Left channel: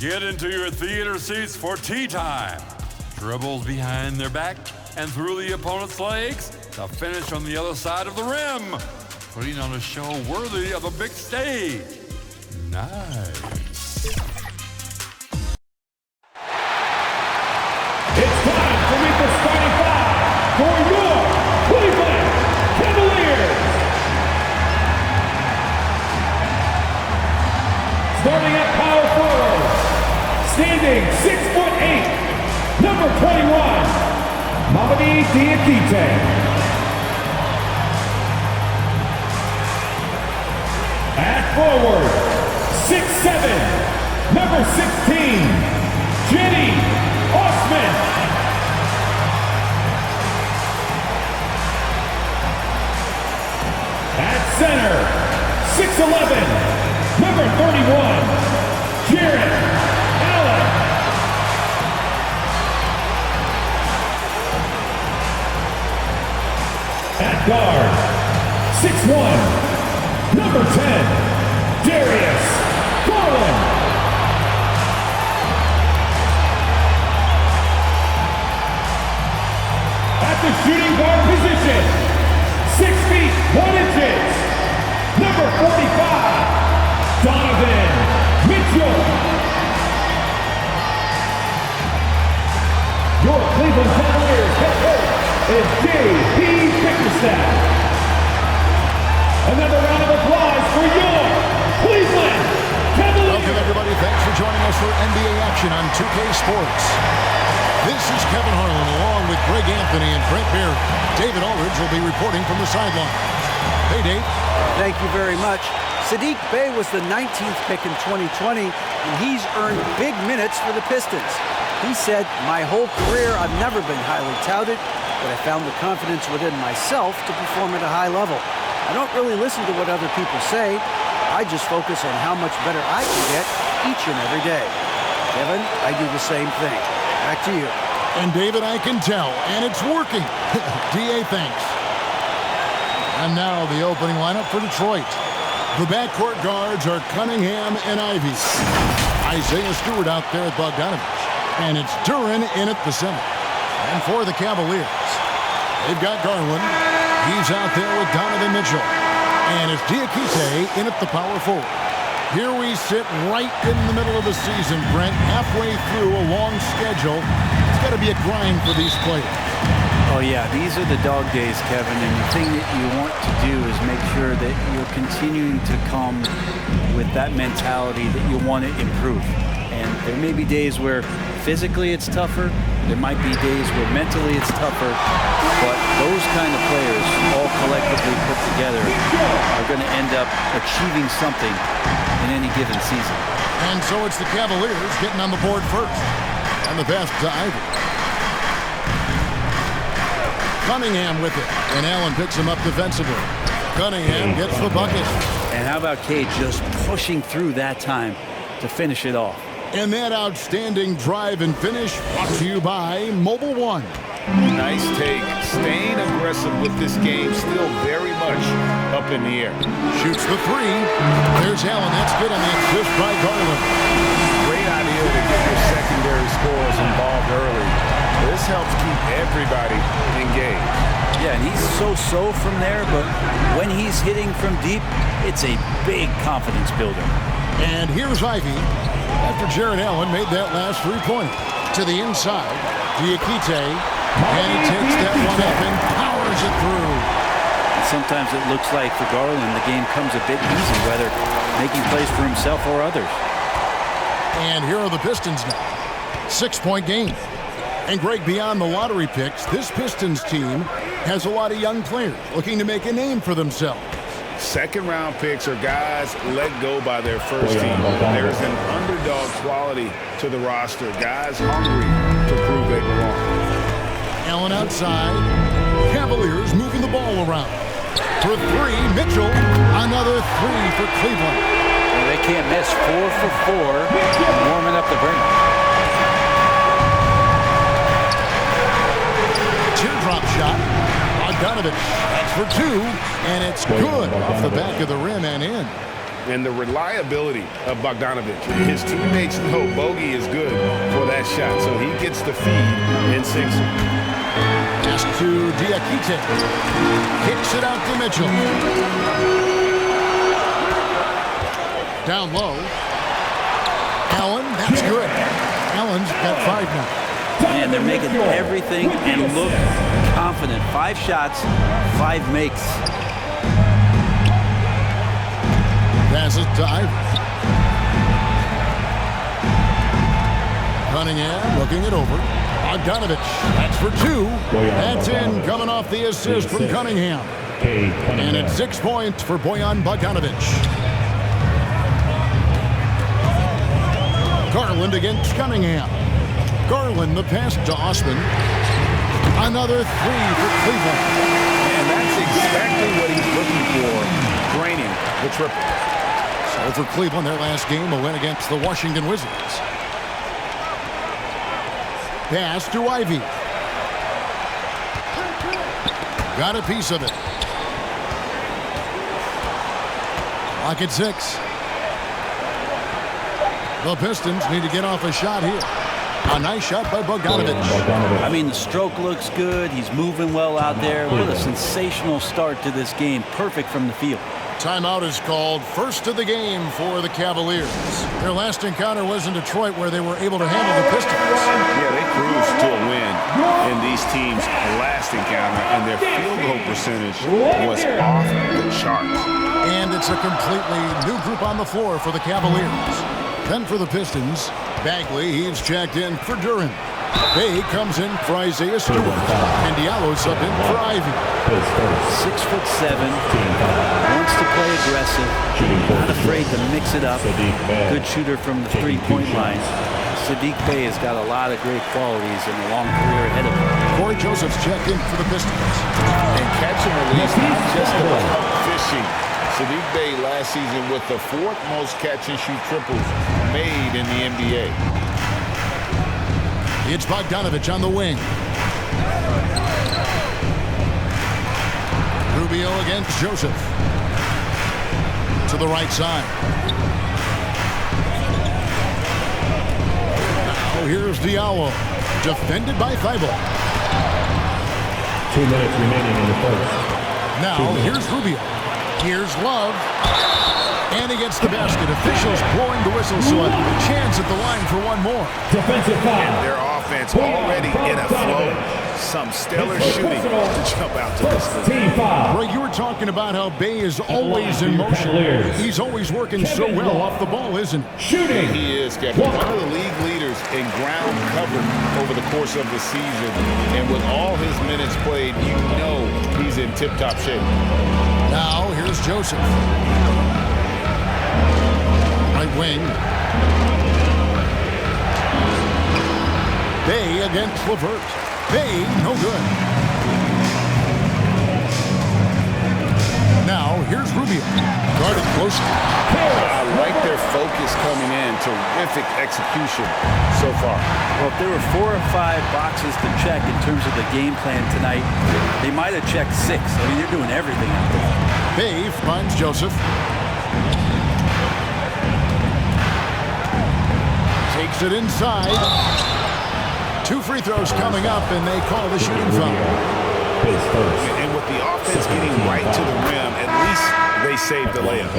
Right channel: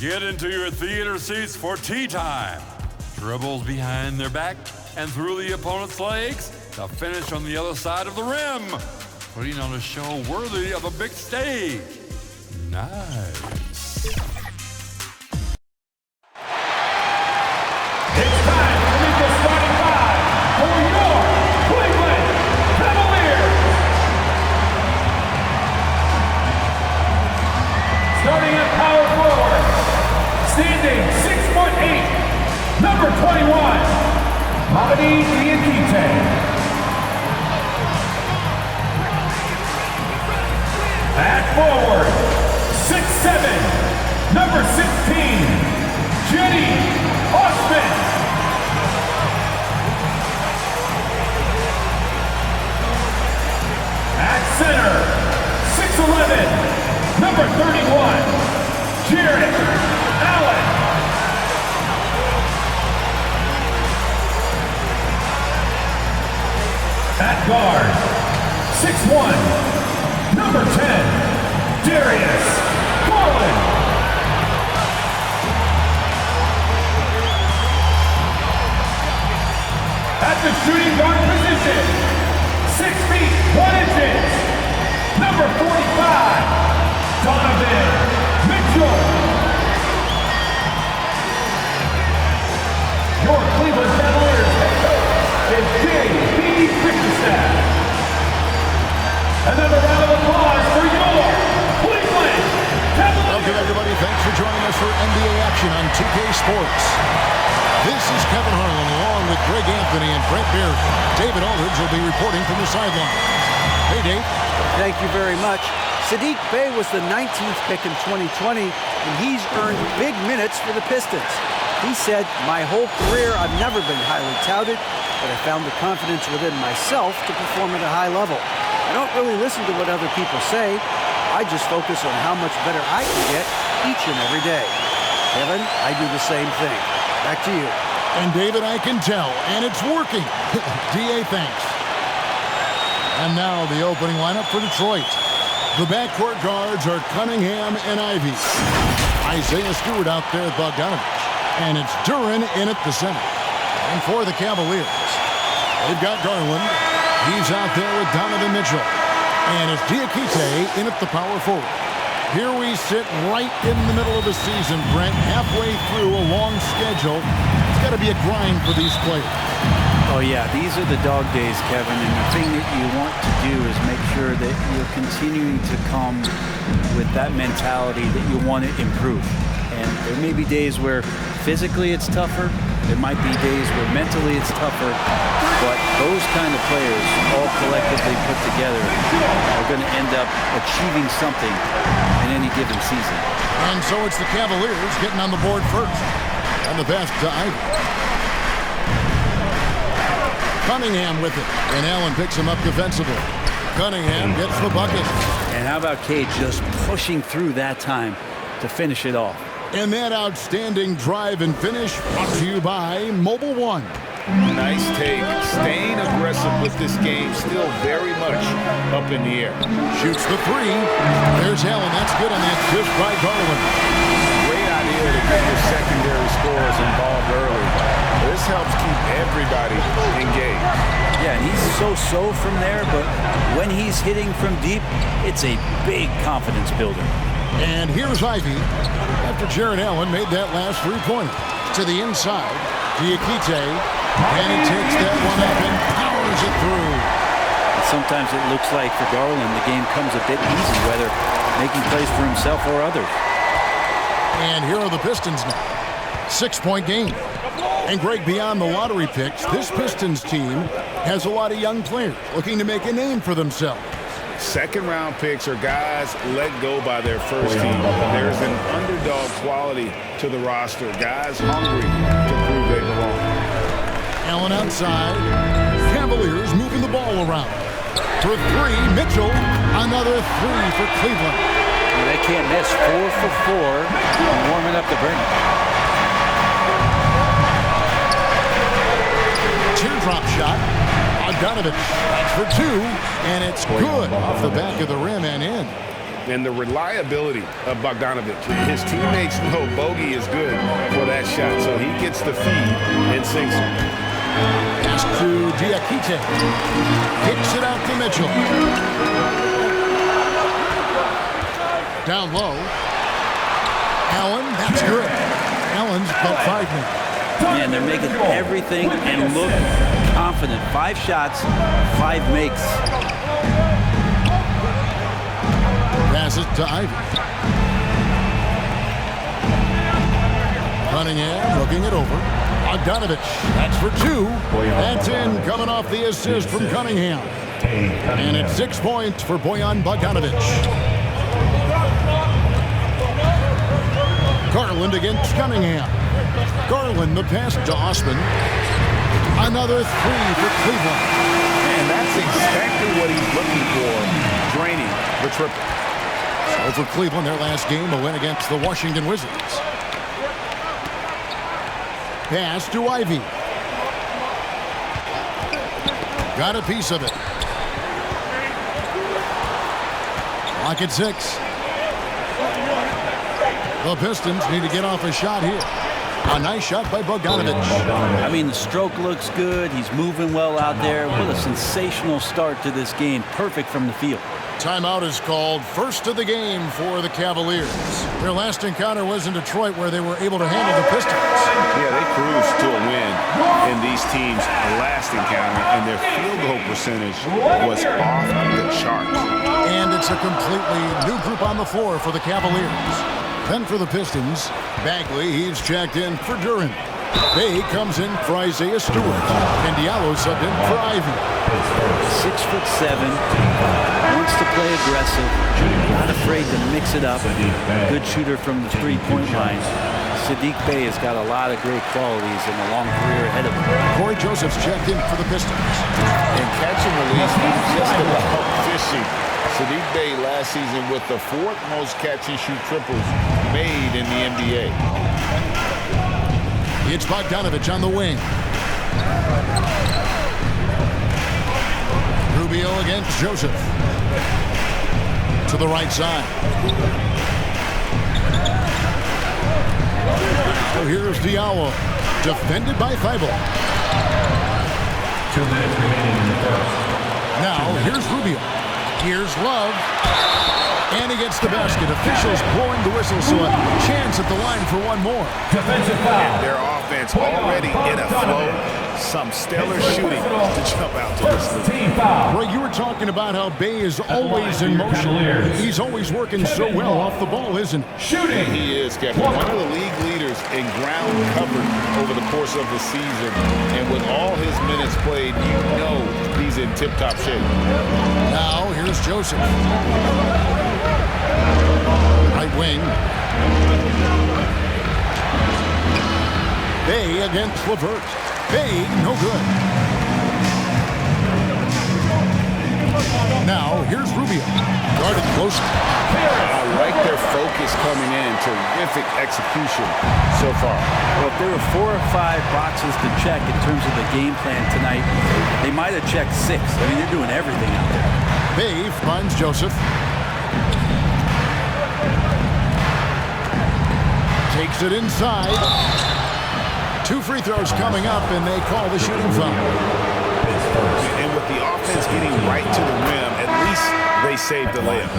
Get into your theater seats for tea time. Dribbles behind their back and through the opponent's legs to finish on the other side of the rim, putting on a show worthy of a big stage. Nice. It's time to meet the starting five for your Cleveland Cavaliers. Starting at power forward, standing 6'8", number 21, Mamadi Diakite. At forward, 6'7", number 16, Jenny Osman. At center, 6'11", number 31, Jared Allen. At guard, 6'1", number 10, Darius Garland. At the shooting guard position, 6 feet 1 inches, number 45, Donovan Mitchell. Your Cleveland Cavaliers head coach is J.P. Bickerstaff. Another round of applause for your Cleveland Cavaliers. Welcome, everybody. Thanks for joining us for NBA action on 2K Sports. This is Kevin Harlan along with Greg Anthony and Brent Barry. David Aldridge will be reporting from the sidelines. Hey, Dave. Thank you very much. Saddiq Bey was the 19th pick in 2020, and he's earned big minutes for the Pistons. He said, "My whole career, I've never been highly touted, but I found the confidence within myself to perform at a high level. I don't really listen to what other people say. I just focus on how much better I can get each and every day." Kevin, I do the same thing. Back to you. And David, I can tell, and it's working. D.A., thanks. And now the opening lineup for Detroit. The backcourt guards are Cunningham and Ivey. Isaiah Stewart out there with Bogdanovich. And it's Duran in at the center. And for the Cavaliers, they've got Garland. He's out there with Donovan Mitchell. And it's Diakite in at the power forward. Here we sit right in the middle of the season, Brent, halfway through a long schedule. It's got to be a grind for these players. Oh, yeah, these are the dog days, Kevin, and the thing that you want to do is make sure that you're continuing to come with that mentality that you want to improve. And there may be days where physically it's tougher. There might be days where mentally it's tougher. But those kind of players, all collectively put together, are going to end up achieving something in any given season. And so it's the Cavaliers getting on the board first. And the pass to Ivey. Cunningham with it. And Allen picks him up defensively. Cunningham gets the bucket. And how about Cade just pushing through that time to finish it off? And that outstanding drive and finish brought to you by Mobile One. Nice take. Staying aggressive with this game, still very much up in the air. Shoots the three. There's Allen. That's good on the assist by Garland. Great idea to get your secondary scorers involved early. This helps keep everybody engaged. Yeah, and he's so from there, but when he's hitting from deep, it's a big confidence builder. And here's Ivey after Jared Allen made that last three-pointer. To the inside, Diakite, and he takes that one up and powers it through. And sometimes it looks like for Garland, the game comes a bit easy, whether making plays for himself or others. And here are the Pistons now. 6-point game. And Greg, beyond the lottery picks, this Pistons team has a lot of young players looking to make a name for themselves. Second-round picks are guys let go by their first team. There's an underdog quality to the roster. Guys hungry to prove they belong. Allen outside. Cavaliers moving the ball around. For three, Mitchell. Another three for Cleveland. Well, they can't miss. 4 for 4, warming up the burner. Teardrop shot. Bogdanovich, that's for 2, and it's good off the back of the rim and in. And the reliability of Bogdanovich. His teammates know Bogey is good for that shot, so he gets the feed and sinks it. Pass to Diakite. Kicks it out to Mitchell. Down low. Allen, that's good. Allen's got 5 now. Man, they're making everything and look confident. 5 shots, 5 makes. Pass it to Ivy. Cunningham looking it over. Bogdanovich, that's for 2. That's in, coming off the assist from Cunningham. And it's 6 points for Bojan Bogdanovich. Garland against Cunningham. Garland, the pass to Osman. Another 3 for Cleveland. And that's exactly what he's looking for, draining the triple. So for Cleveland, their last game, a win against the Washington Wizards. Pass to Ivy. Got a piece of it. Clock at 6. The Pistons need to get off a shot here. A nice shot by Bogdanovich. I mean, the stroke looks good. He's moving well out there. What a sensational start to this game. Perfect from the field. Timeout is called. First of the game for the Cavaliers. Their last encounter was in Detroit, where they were able to handle the Pistons. Yeah, they cruised to a win in these teams' last encounter, and their field goal percentage was off the chart. And it's a completely new group on the floor for the Cavaliers. Then for the Pistons, Bagley, he's checked in for Duran. Bay comes in for Isaiah Stewart. And Diallo subbed in for Ivy. 6'7", wants to play aggressive, not afraid to mix it up. Good shooter from the three-point line. Sadiq Bey has got a lot of great qualities and a long career ahead of him. Corey Joseph's checked in for the Pistons. And catch and release, not just about fishing. Sadiq Bey last season with the 4th most catch-and-shoot triples made in the NBA. It's Bogdanovich on the wing. Rubio against Joseph. To the right side. Now here's Diallo. Defended by Thibault. 2 minutes remaining in the first. Now here's Rubio. Here's Love. And he gets the basket. Officials blowing the whistle, so a chance at the line for one more. Defensive foul. And their offense already in a flow. Some stellar shooting to jump out to this league. Team foul. Greg, you were talking about how Bay is always in motion. He's always working so well off the ball, isn't he? Shooting. He is, Kevin. One of the league leaders in ground covered over the course of the season. And with all his minutes played, you know he's in tip-top shape. Now here's Joseph. Right wing. Bay against LeVert. Bay, no good. Now here's Rubio. Guarded closely. I like their focus coming in. Terrific execution so far. Well, if there were 4 or 5 boxes to check in terms of the game plan tonight, they might have checked 6. I mean, they're doing everything out there. Bay finds Joseph. Takes it inside. 2 free throws coming up, and they call the shooting foul. And with the offense getting right to the rim, at least they saved the layup.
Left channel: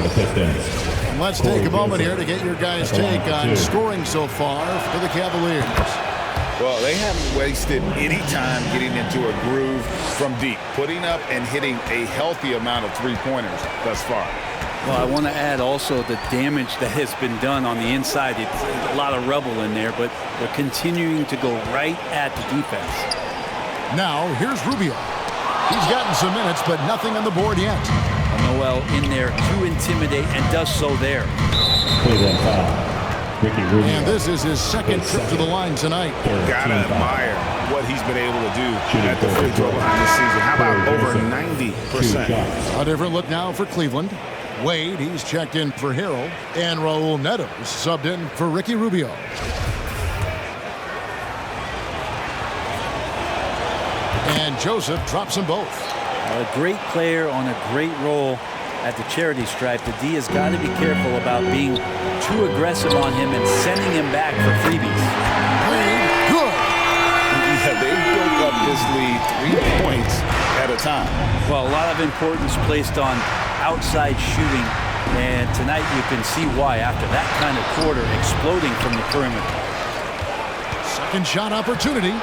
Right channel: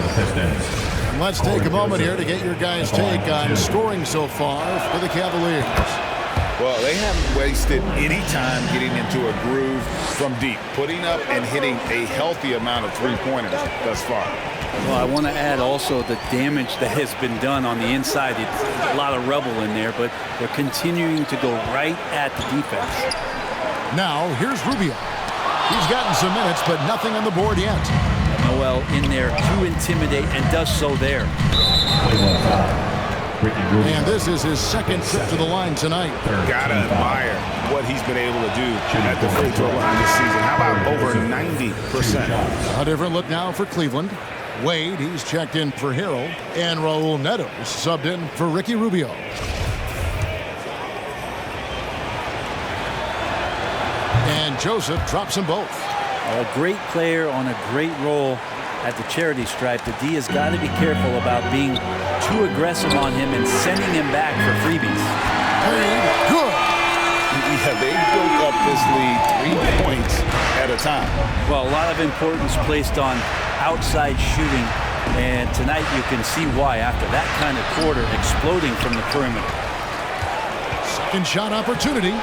And let's take a moment here to get your guys' take on scoring so far for the Cavaliers. Well, they haven't wasted any time getting into a groove from deep, putting up and hitting a healthy amount of three-pointers thus far. Well, I want to add also the damage that has been done on the inside. It's a lot of rubble in there, but they're continuing to go right at the defense. Now, here's Rubio. He's gotten some minutes, but nothing on the board yet. Noel in there to intimidate and does so there. Cleveland foul. Ricky Rubio. And this is his second trip to the line tonight. Gotta admire what he's been able to do at the free throw line this season. How about over 90%? A different look now for Cleveland. Wade, he's checked in for Harrell. And Raul Neto subbed in for Ricky Rubio. And Joseph drops them both. A great player on a great role at the charity stripe. The D has got to be careful about being too aggressive on him and sending him back for freebies. Good. Yeah, they built up this lead 3 points at a time. Well, a lot of importance placed on outside shooting, and tonight you can see why after that kind of quarter exploding from the perimeter. Second shot opportunity.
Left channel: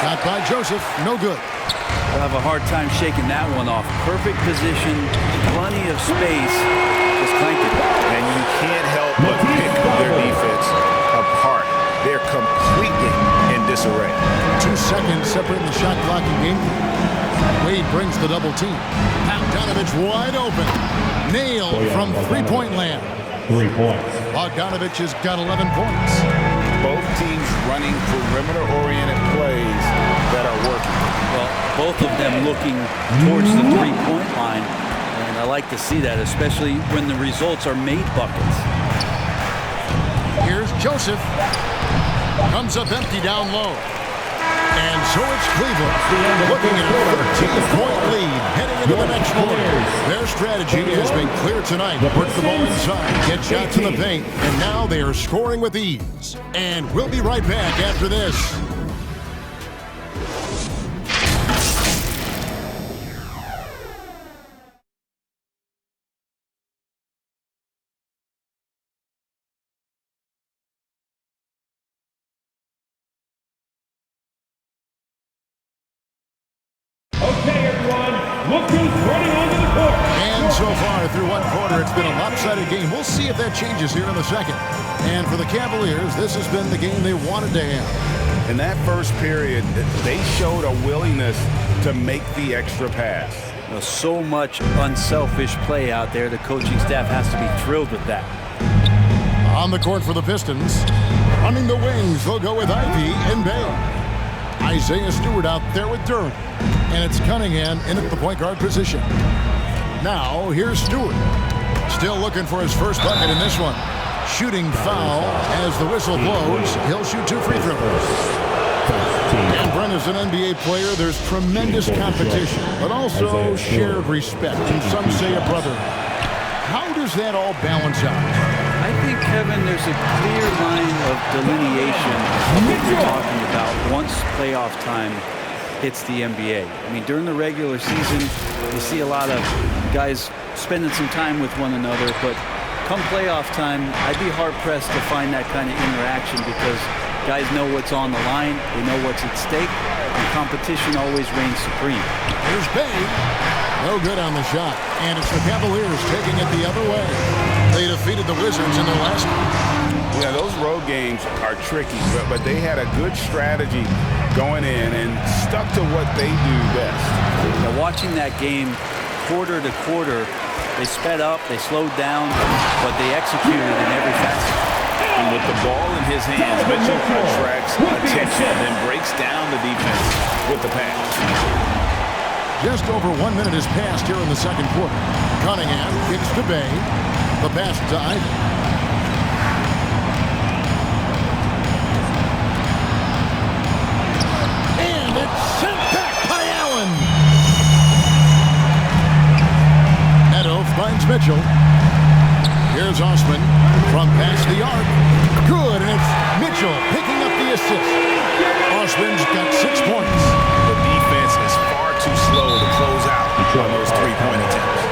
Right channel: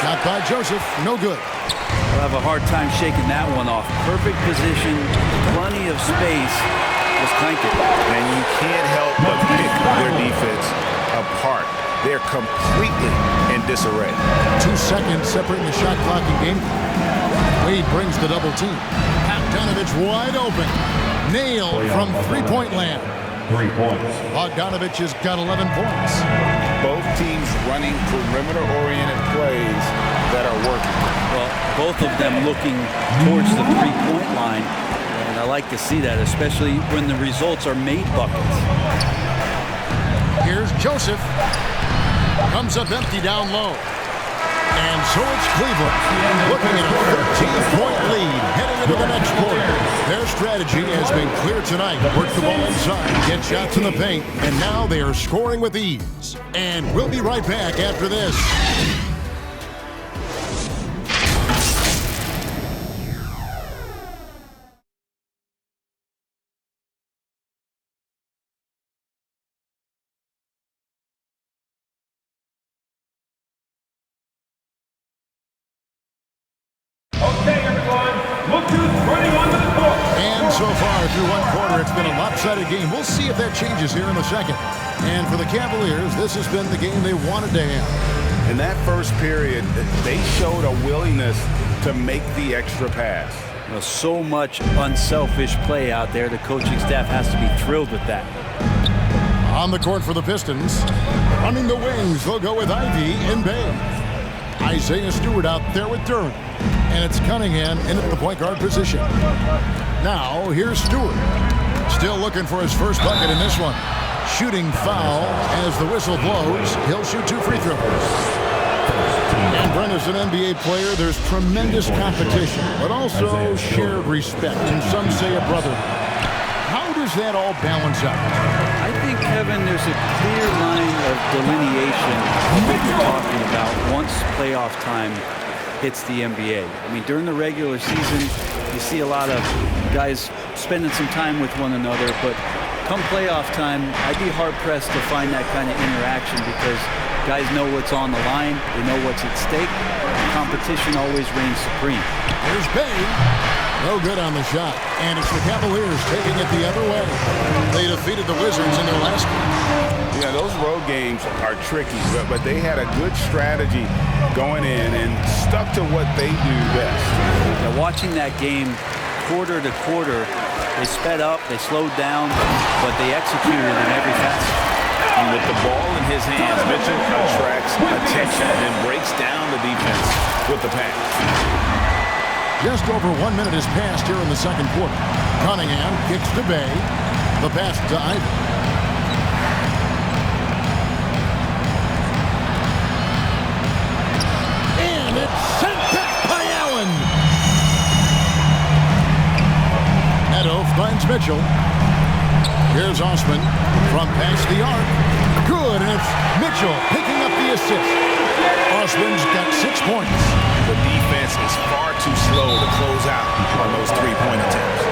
Shot by Joseph, no good. I'll have a hard time shaking that one off. Perfect position, plenty of space, just clanked it. And you can't help but pick their defense apart. They're completely in disarray. 2 seconds separating the shot clock and game clock. Wade brings the double team. Bogdanovich wide open. Nailed from three-point land. 3 points. Bogdanovich has got 11 points. Both teams running perimeter-oriented plays that are working. Well, both of them looking towards the three-point line, and I like to see that, especially when the results are made buckets. Here's Joseph. Comes up empty down low. And so it's Cleveland looking at a 13-point lead heading into the next quarter. Their strategy has been clear tonight. Work the ball inside, get shots in the paint, and now they are scoring with ease. And we'll be right back after this. Okay, everyone, look who's running onto the court. And so far through one quarter, it's been a lopsided game. We'll see if that changes here in the second. And for the Cavaliers, this has been the game they wanted to have. In that first period, they showed a willingness to make the extra pass. Well, so much unselfish play out there. The coaching staff has to be thrilled with that. On the court for the Pistons. Running the wings, they'll go with Ivy and Bay. Isaiah Stewart out there with Durham. And it's Cunningham in at the point guard position. Now, here's Stewart. Still looking for his first bucket in this one. Shooting foul as the whistle blows. He'll shoot 2 free throws. And Brent is an NBA player. There's tremendous competition, but also shared respect, and some say a brotherhood. How does that all balance out? I think, Kevin, there's a clear line of delineation of what you're talking about once playoff time hits the NBA. I mean, during the regular season, you see a lot of guys spending some time with one another, but come playoff time, I'd be hard-pressed to find that kind of interaction because guys know what's on the line, they know what's at stake, and competition always reigns supreme. Here's Bay. No good on the shot. And it's the Cavaliers taking it the other way. They defeated the Wizards in their last game. Yeah, those road games are tricky, but they had a good strategy going in and stuck to what they do best. Now, watching that game quarter to quarter, they sped up, they slowed down, but they executed in every facet. And with the ball in his hands, Mitchell attracts attention, then breaks down the defense with the pass. Just over 1 minute has passed here in the second quarter. Cunningham kicks to Bay. The pass to Ivy. And it's sent back by Allen. Neto finds Mitchell. Here's Osman from past the arc. Good, and it's Mitchell picking up the assist. Osman's got 6 points. The defense is far too slow to close out on those three-point attempts.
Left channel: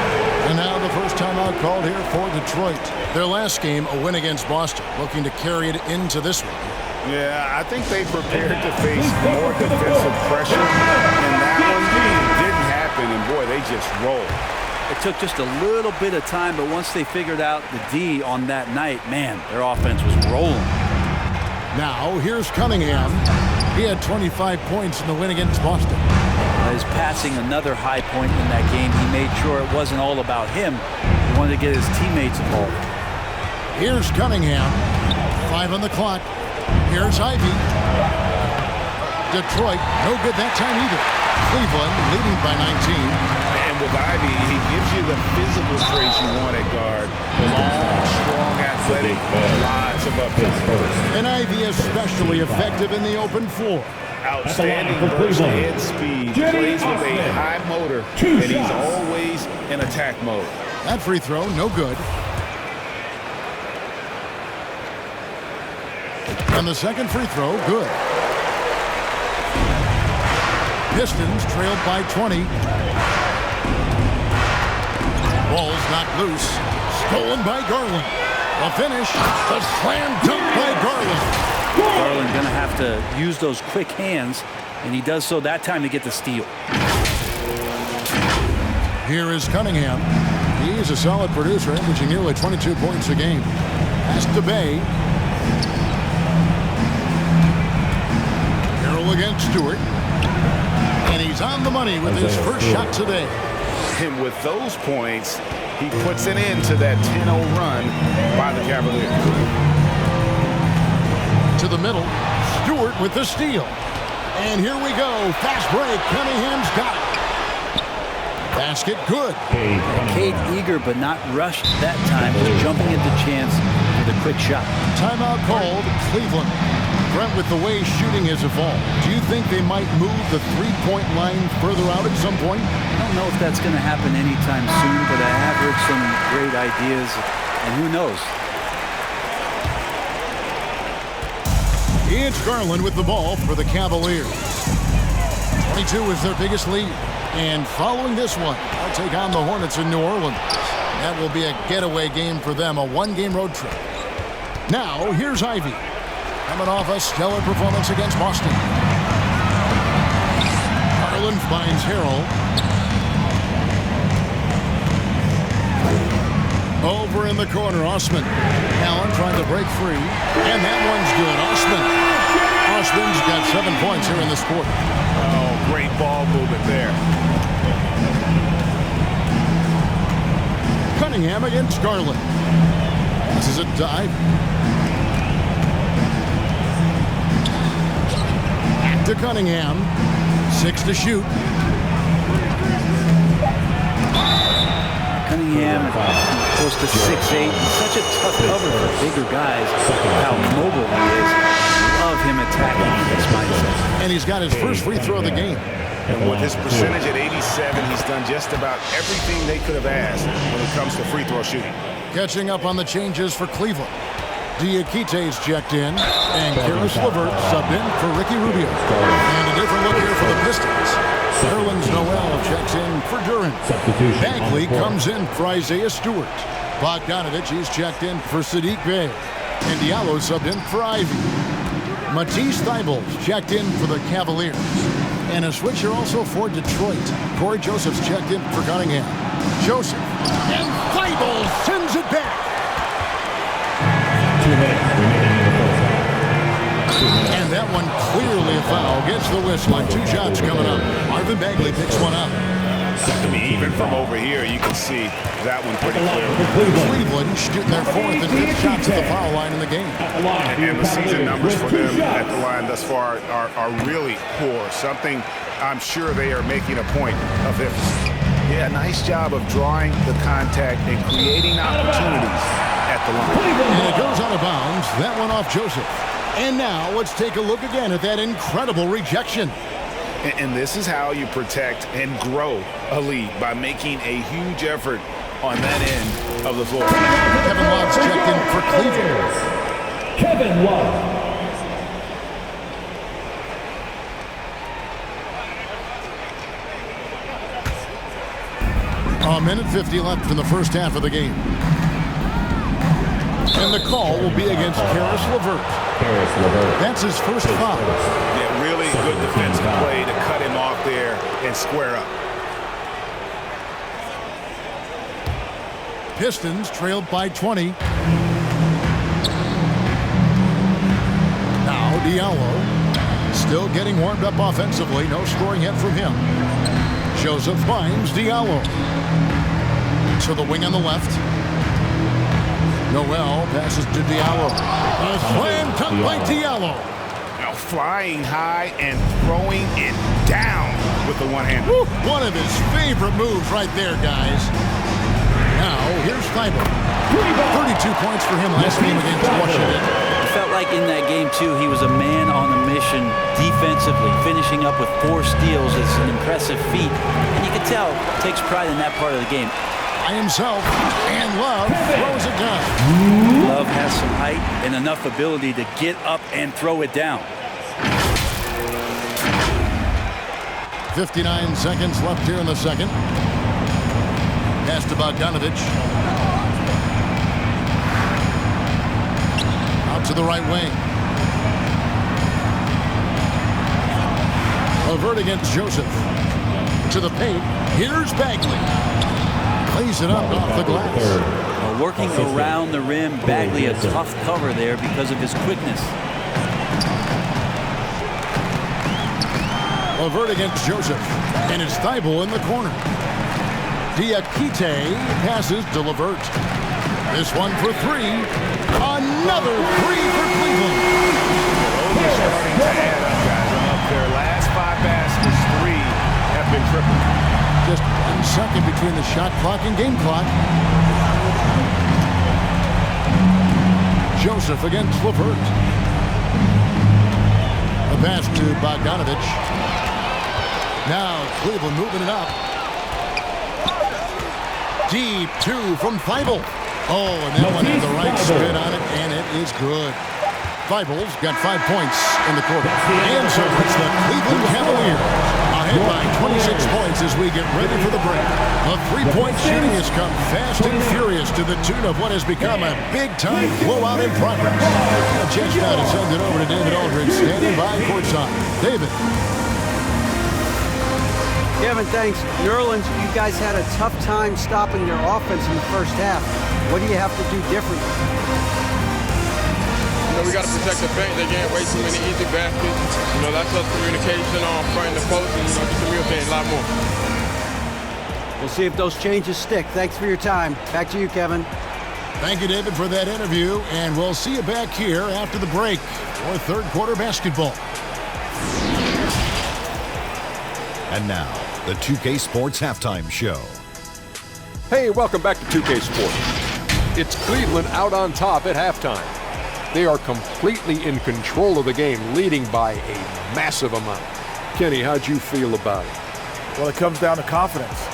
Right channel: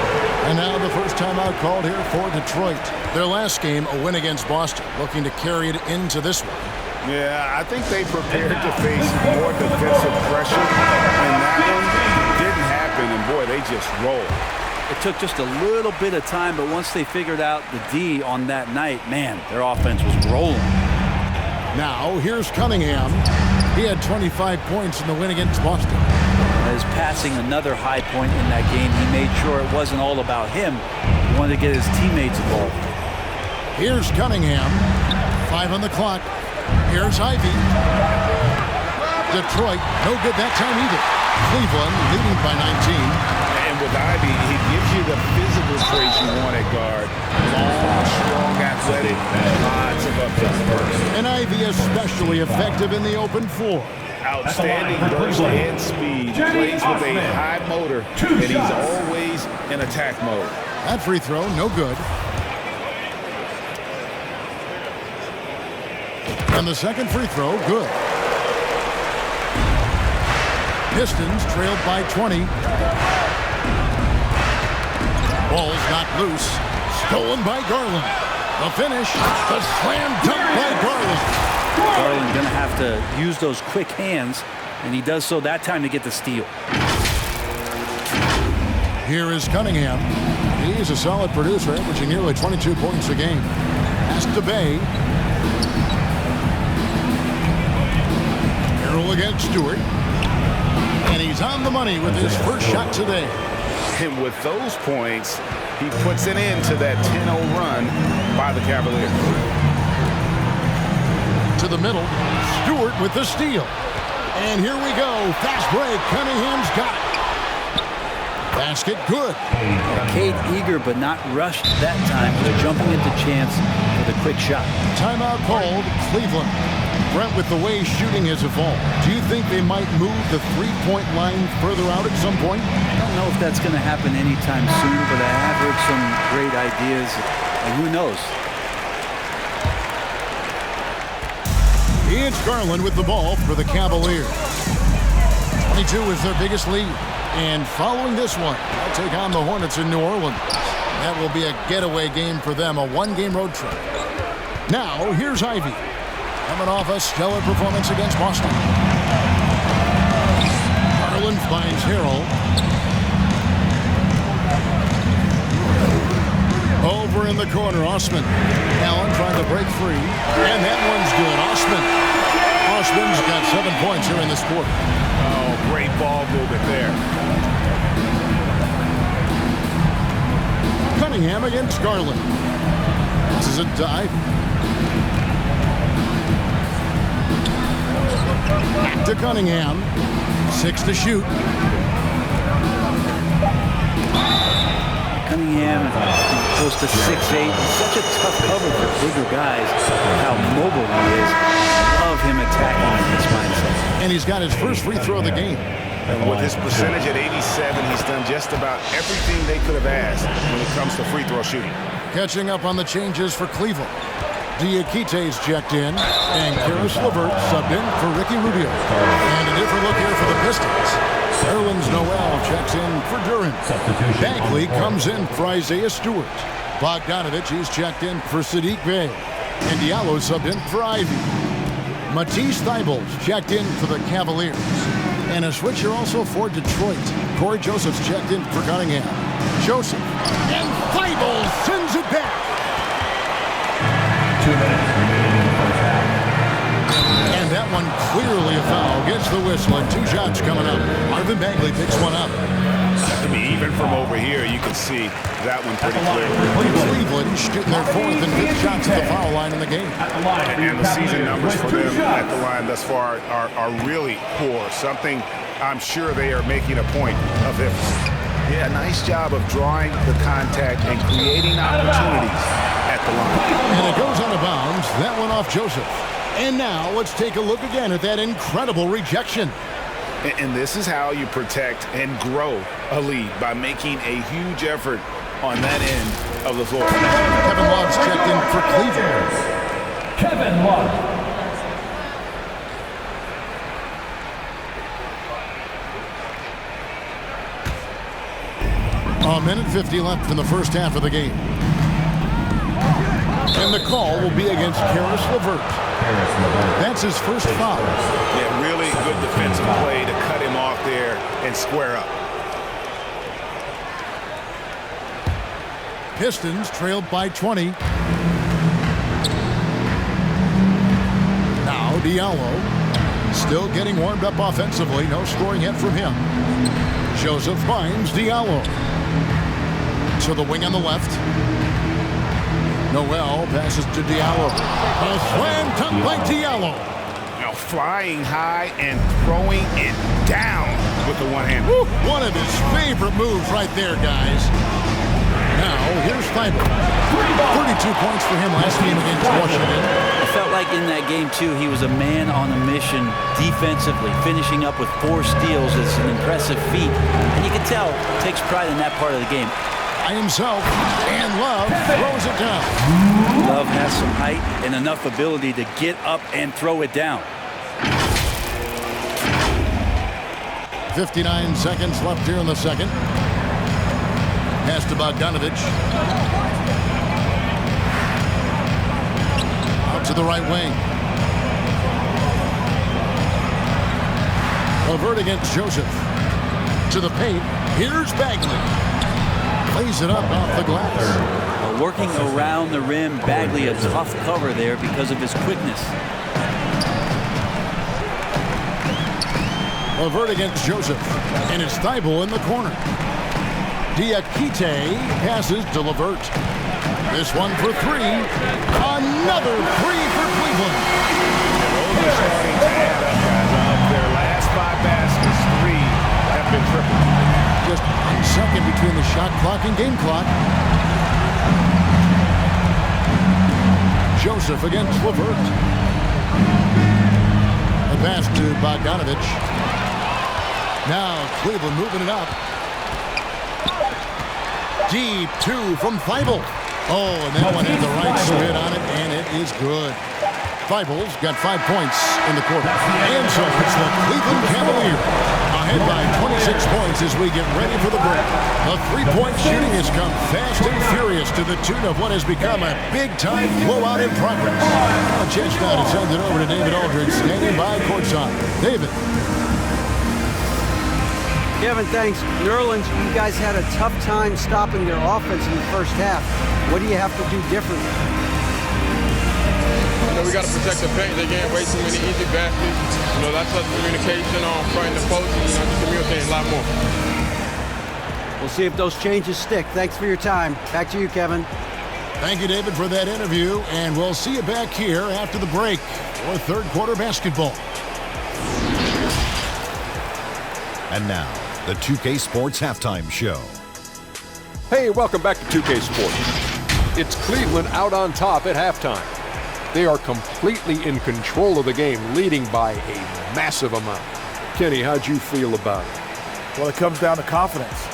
And now the first timeout called here for Detroit. Their last game, a win against Boston, looking to carry it into this one. Yeah, I think they prepared to face more defensive pressure, and that one didn't happen, and boy, they just rolled. It took just a little bit of time, but once they figured out the D on that night, man, their offense was rolling. Now, here's Cunningham. He had 25 points in the win against Boston. As passing another high point in that game, he made sure it wasn't all about him. He wanted to get his teammates involved. Here's Cunningham. 5 on the clock. Here's Ivy. Detroit, no good that time either. Cleveland leading by 19. And with Ivy, he gives you the physical traits you want at guard. Long, strong, athletic, lots of upside. And Ivy especially effective in the open floor. Outstanding burst and speed. Plays with a high motor, and he's always in attack mode. That free throw, no good. And the second free throw, good. Pistons trailed by 20. Ball's not loose. Stolen by Garland. The finish, the slam dunk by Garland. Garland going to have to use those quick hands, and he does so that time to get the steal. Here is Cunningham. He's a solid producer, averaging nearly 22 points a game. Pass to Bay. Carroll against Stewart. And he's on the money with his first shot today. And with those points, he puts an end to that 10-0 run by the Cavaliers. To the middle, Stewart with the steal. And here we go. Fast break. Cunningham's got it. Basket good. Cade eager but not rushed that time, just jumping at the chance for the quick shot. Timeout called, Cleveland. Brent, with the way shooting has evolved, do you think they might move the three-point line further out at some point? I don't know if that's going to happen anytime soon, but I have heard some great ideas, and who knows? It's Garland with the ball for the Cavaliers. 22 is their biggest lead. And following this one, they'll take on the Hornets in New Orleans. That will be a getaway game for them, a one-game road trip. Now, here's Ivy. Coming off a stellar performance against Boston. Garland finds Harrell. Over in the corner, Osman. Allen trying to break free. And that one's good. Osman's got 7 points here in this quarter. Oh, great ball movement there. Cunningham against Garland. This is a dive. Back to Cunningham. 6 to shoot. Cunningham close to 6'8". He's such a tough cover for bigger guys. How mobile he is. Love him attacking in this mindset. And he's got his first free throw of the game. And with his percentage at 87, he's done just about everything they could have asked when it comes to free throw shooting. Catching up on the changes for Cleveland. Diakite's checked in, and Karis LeVert subbed in for Ricky Rubio. And a different look here for the Pistons. Nerlens Noel checks in for Duran. Bagley comes in for Isaiah Stewart. Bogdanovich, he's checked in for Sadiq Bey. And Diallo subbed in for Ivy. Matisse Thybulle's checked in for the Cavaliers. And a switcher also for Detroit. Corey Joseph's checked in for Cunningham. Joseph. And Thybulle sends it back. 2 minutes remaining in the first half. And that one clearly a foul. Gets the whistle and 2 shots coming up. Marvin Bagley picks one up. I mean, even from over here, you can see that one pretty clearly. Cleveland shooting their 4th and 5th shots at the foul line in the game. And the season numbers for them at the line thus far are really poor. Something I'm sure they are making a point of emphasis. Yeah, nice job of drawing the contact and creating opportunities at the line. And it goes out of bounds. That one off Joseph. And now let's take a look again at that incredible rejection. And this is how you protect and grow a lead, by making a huge effort on that end of the floor. Kevin Love's checked in for Cleveland. Kevin Love. A minute 50 left in the first half of the game. And the call will be against Karis LeVert. That's his first foul. Yeah, really good defensive play to cut him off there and square up. Pistons trailed by 20. Now Diallo still getting warmed up offensively. No scoring yet from him. Joseph finds Diallo. To the wing on the left. Noel passes to Diallo. A slam dunk by Diallo. Now flying high and throwing it down with the one hand. One of his favorite moves right there, guys. Now here's Thibault. 32 points for him last game against Washington. I felt like in that game, too, he was a man on a mission defensively, finishing up with 4 steals. It's an impressive feat. And you can tell, takes pride in that part of the game. By himself, and Love throws it down. Love has some height and enough ability to get up and throw it down. 59 seconds left here in the second. Pass to Bogdanovich. Out to the right wing. LeVert against Joseph. To the paint. Here's Bagley. Plays it up off the glass. Working around the rim, Bagley a tough cover there because of his quickness. LeVert against Joseph. And it's Thibault in the corner. Diakite passes to LeVert. This one for 3. Another 3 for Cleveland. Yeah, those are starting to add up, guys. Their last 5 baskets, 3 have been triple. Just 1 second between the shot clock and game clock. Joseph against LeVert. A pass to Bogdanovich. Now Cleveland moving it up. Deep 2 from Thibault. Oh, and that one had the right spin on it, and it is good. Thibault's got 5 points in the quarter. And so it's the Cleveland Cavaliers ahead by 26 points as we get ready for the break. The three-point shooting has come fast and furious to the tune of what has become a big-time blowout in progress. A chance now to send it over to David Aldridge, standing by courtside. David. Kevin, thanks. New Orleans, you guys had a tough time stopping their offense in the first half. What do you have to do differently? We got to protect the paint. They can't waste too many easy baskets. That's us communication on front and the post, and, just communicating a lot more. We'll see if those changes stick. Thanks for your time. Back to you, Kevin. Thank you, David, for that interview, and we'll see you back here after the break for third quarter basketball. And now, the 2K Sports Halftime Show. Hey, welcome back to 2K Sports. It's Cleveland out on top at halftime. They are completely in control of the game, leading by a massive amount. Kenny, how'd you feel about it? Well, it comes down to confidence.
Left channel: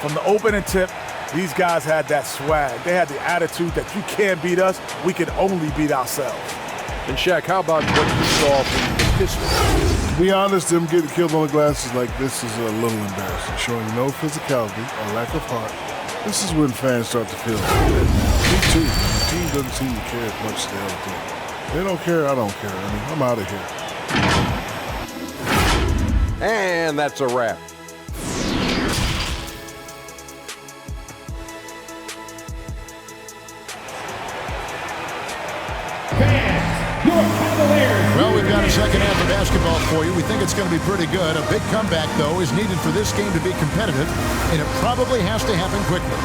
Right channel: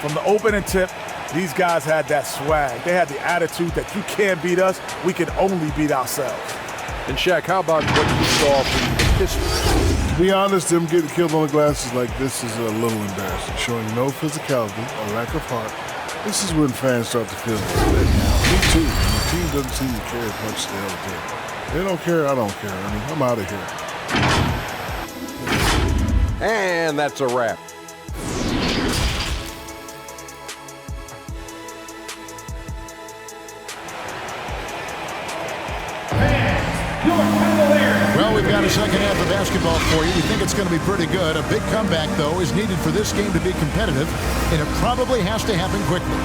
From the opening tip, these guys had that swag. They had the attitude that you can't beat us, we can only beat ourselves. And Shaq, how about what you saw from the Pistons? To be honest, them getting killed on the glass is like this is a little embarrassing, showing no physicality or lack of heart. This is when fans start to feel let down. Me too. The team doesn't seem to care as much as the other team. They don't care, I don't care. I mean, I'm out of here. And that's a wrap. Well, we've got a second half of basketball for you. We think it's going to be pretty good. A big comeback, though, is needed for this game to be competitive, and it probably has to happen quickly.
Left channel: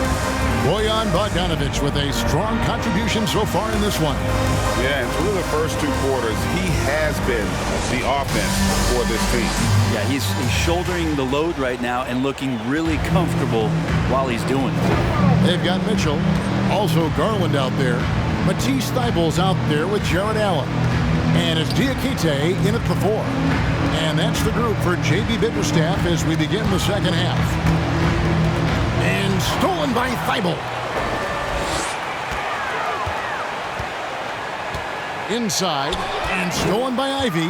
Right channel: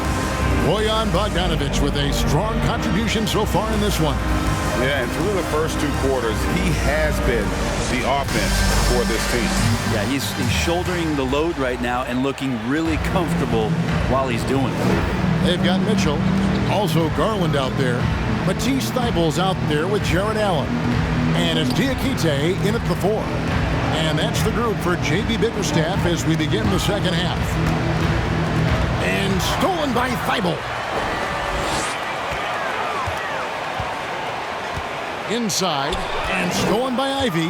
Bojan Bogdanovich with a strong contribution so far in this one. Yeah, and through the first 2 quarters, he has been the offense for this team. Yeah, he's shouldering the load right now and looking really comfortable while he's doing it. They've got Mitchell, also Garland out there. Matisse Thybulle's out there with Jared Allen. And it's Diakite in at the 4. And that's the group for J.B. Bickerstaff as we begin the second half. And stolen by Thibault. Inside, and stolen by Ivy.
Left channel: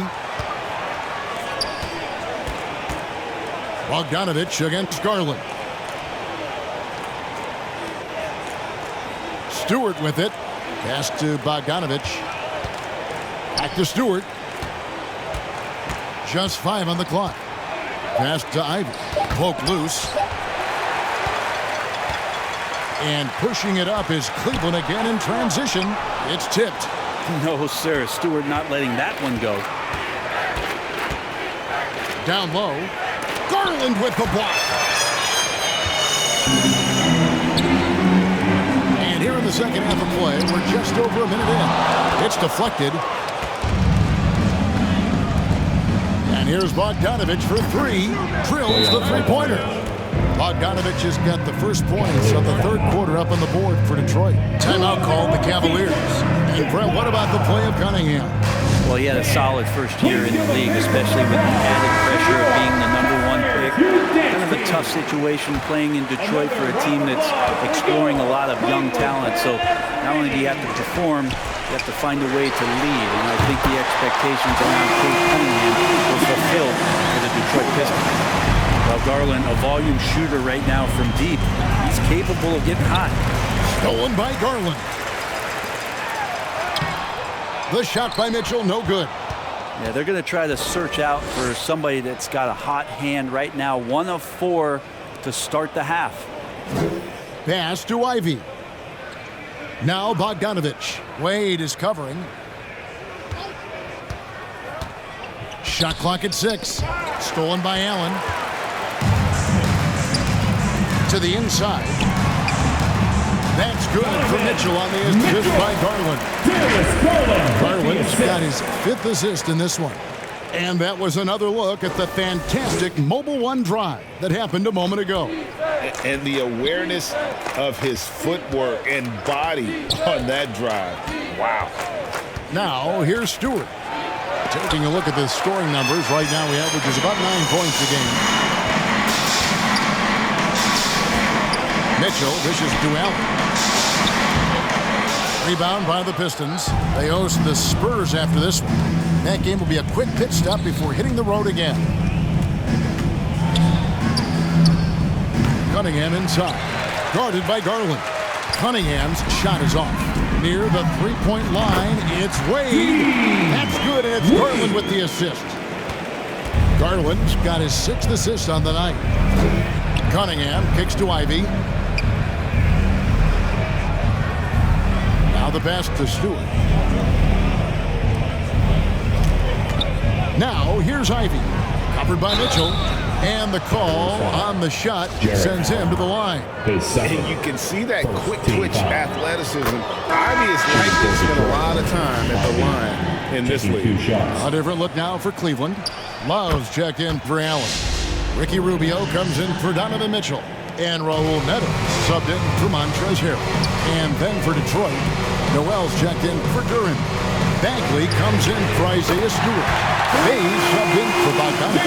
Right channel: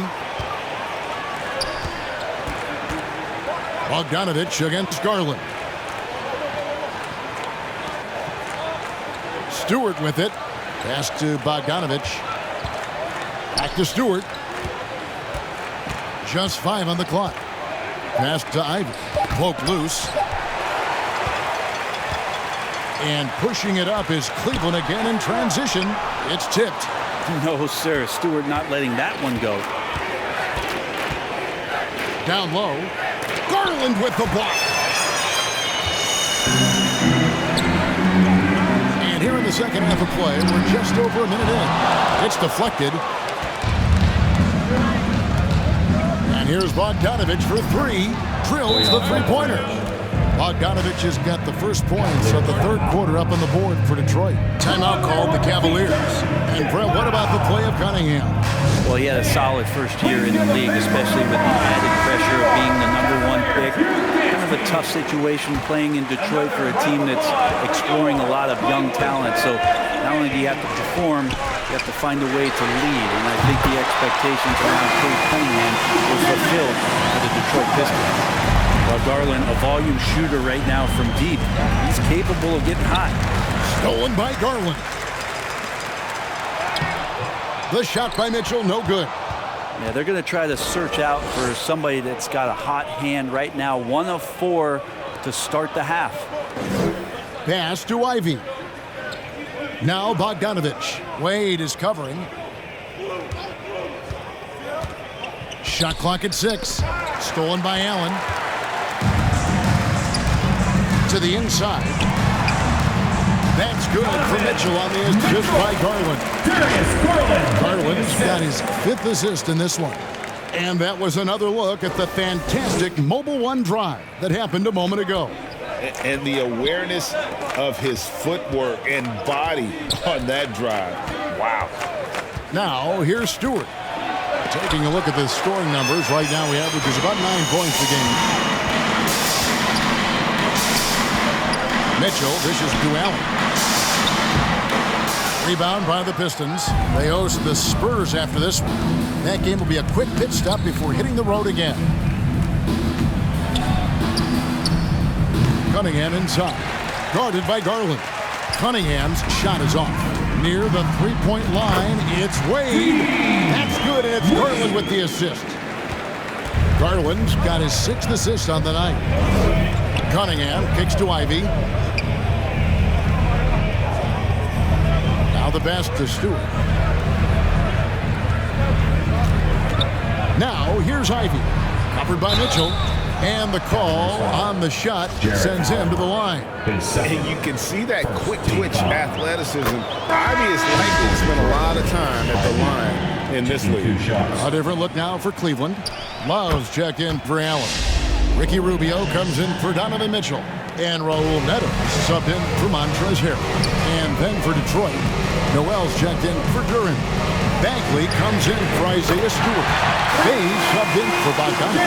Bogdanovich against Garland. Stewart with it. Pass to Bogdanovich. Back to Stewart. Just 5 on the clock. Pass to Ivy. Poke loose. And pushing it up is Cleveland again in transition. It's tipped. No, sir. Stewart not letting that one go. Down low. Garland with the block. And here in the second half of play, we're just over a minute in. It's deflected. And here's Bogdanovich for 3. Drills the three-pointer. Bogdanovich has got the first points of the third quarter up on the board for Detroit. Timeout called the Cavaliers. And Brett, what about the play of Cunningham? Well, he had a solid first year in the league, especially with the added pressure of being the #1 pick. Kind of a tough situation playing in Detroit for a team that's exploring a lot of young talent. So not only do you have to perform, you have to find a way to lead. And I think the expectations around Coach Cunningham were fulfilled for the Detroit Pistons. Well, Garland, a volume shooter right now from deep. He's capable of getting hot. Stolen by Garland. The shot by Mitchell, no good. Yeah, they're going to try to search out for somebody that's got a hot hand right now. 1 of 4 to start the half. Pass to Ivy. Now Bogdanovich. Wade is covering. Shot clock at 6. Stolen by Allen. To the inside. That's good for Mitchell on the assist by Garland. Garland's got his 5th assist in this one. And that was another look at the fantastic Mobile One drive that happened a moment ago. And the awareness of his footwork and body on that drive. Wow. Now, here's Stewart. Taking a look at the scoring numbers, right now he averages about 9 points a game. Mitchell dishes to Allen. Rebound by the Pistons. They host the Spurs after this one. That game will be a quick pit stop before hitting the road again. Cunningham inside. Guarded by Garland. Cunningham's shot is off. Near the three-point line, it's Wade. That's good, and it's Garland with the assist. Garland's got his 6th assist on the night. Cunningham kicks to Ivy. Now the pass to Stewart. Now here's Ivy. Covered by Mitchell. And the call on the shot sends him to the line. And you can see that quick twitch athleticism. Ivy is likely to spend a lot of time at the line in this league. A different look now for Cleveland. Love's checked in for Allen. Ricky Rubio comes in for Donovan Mitchell. And Raul Neto subbed in for Montrezl Harrell. And then for Detroit, Noel's checked in for Duran. Bagley comes in for Isaiah Stewart. Bays subbed in for Bogdanovich.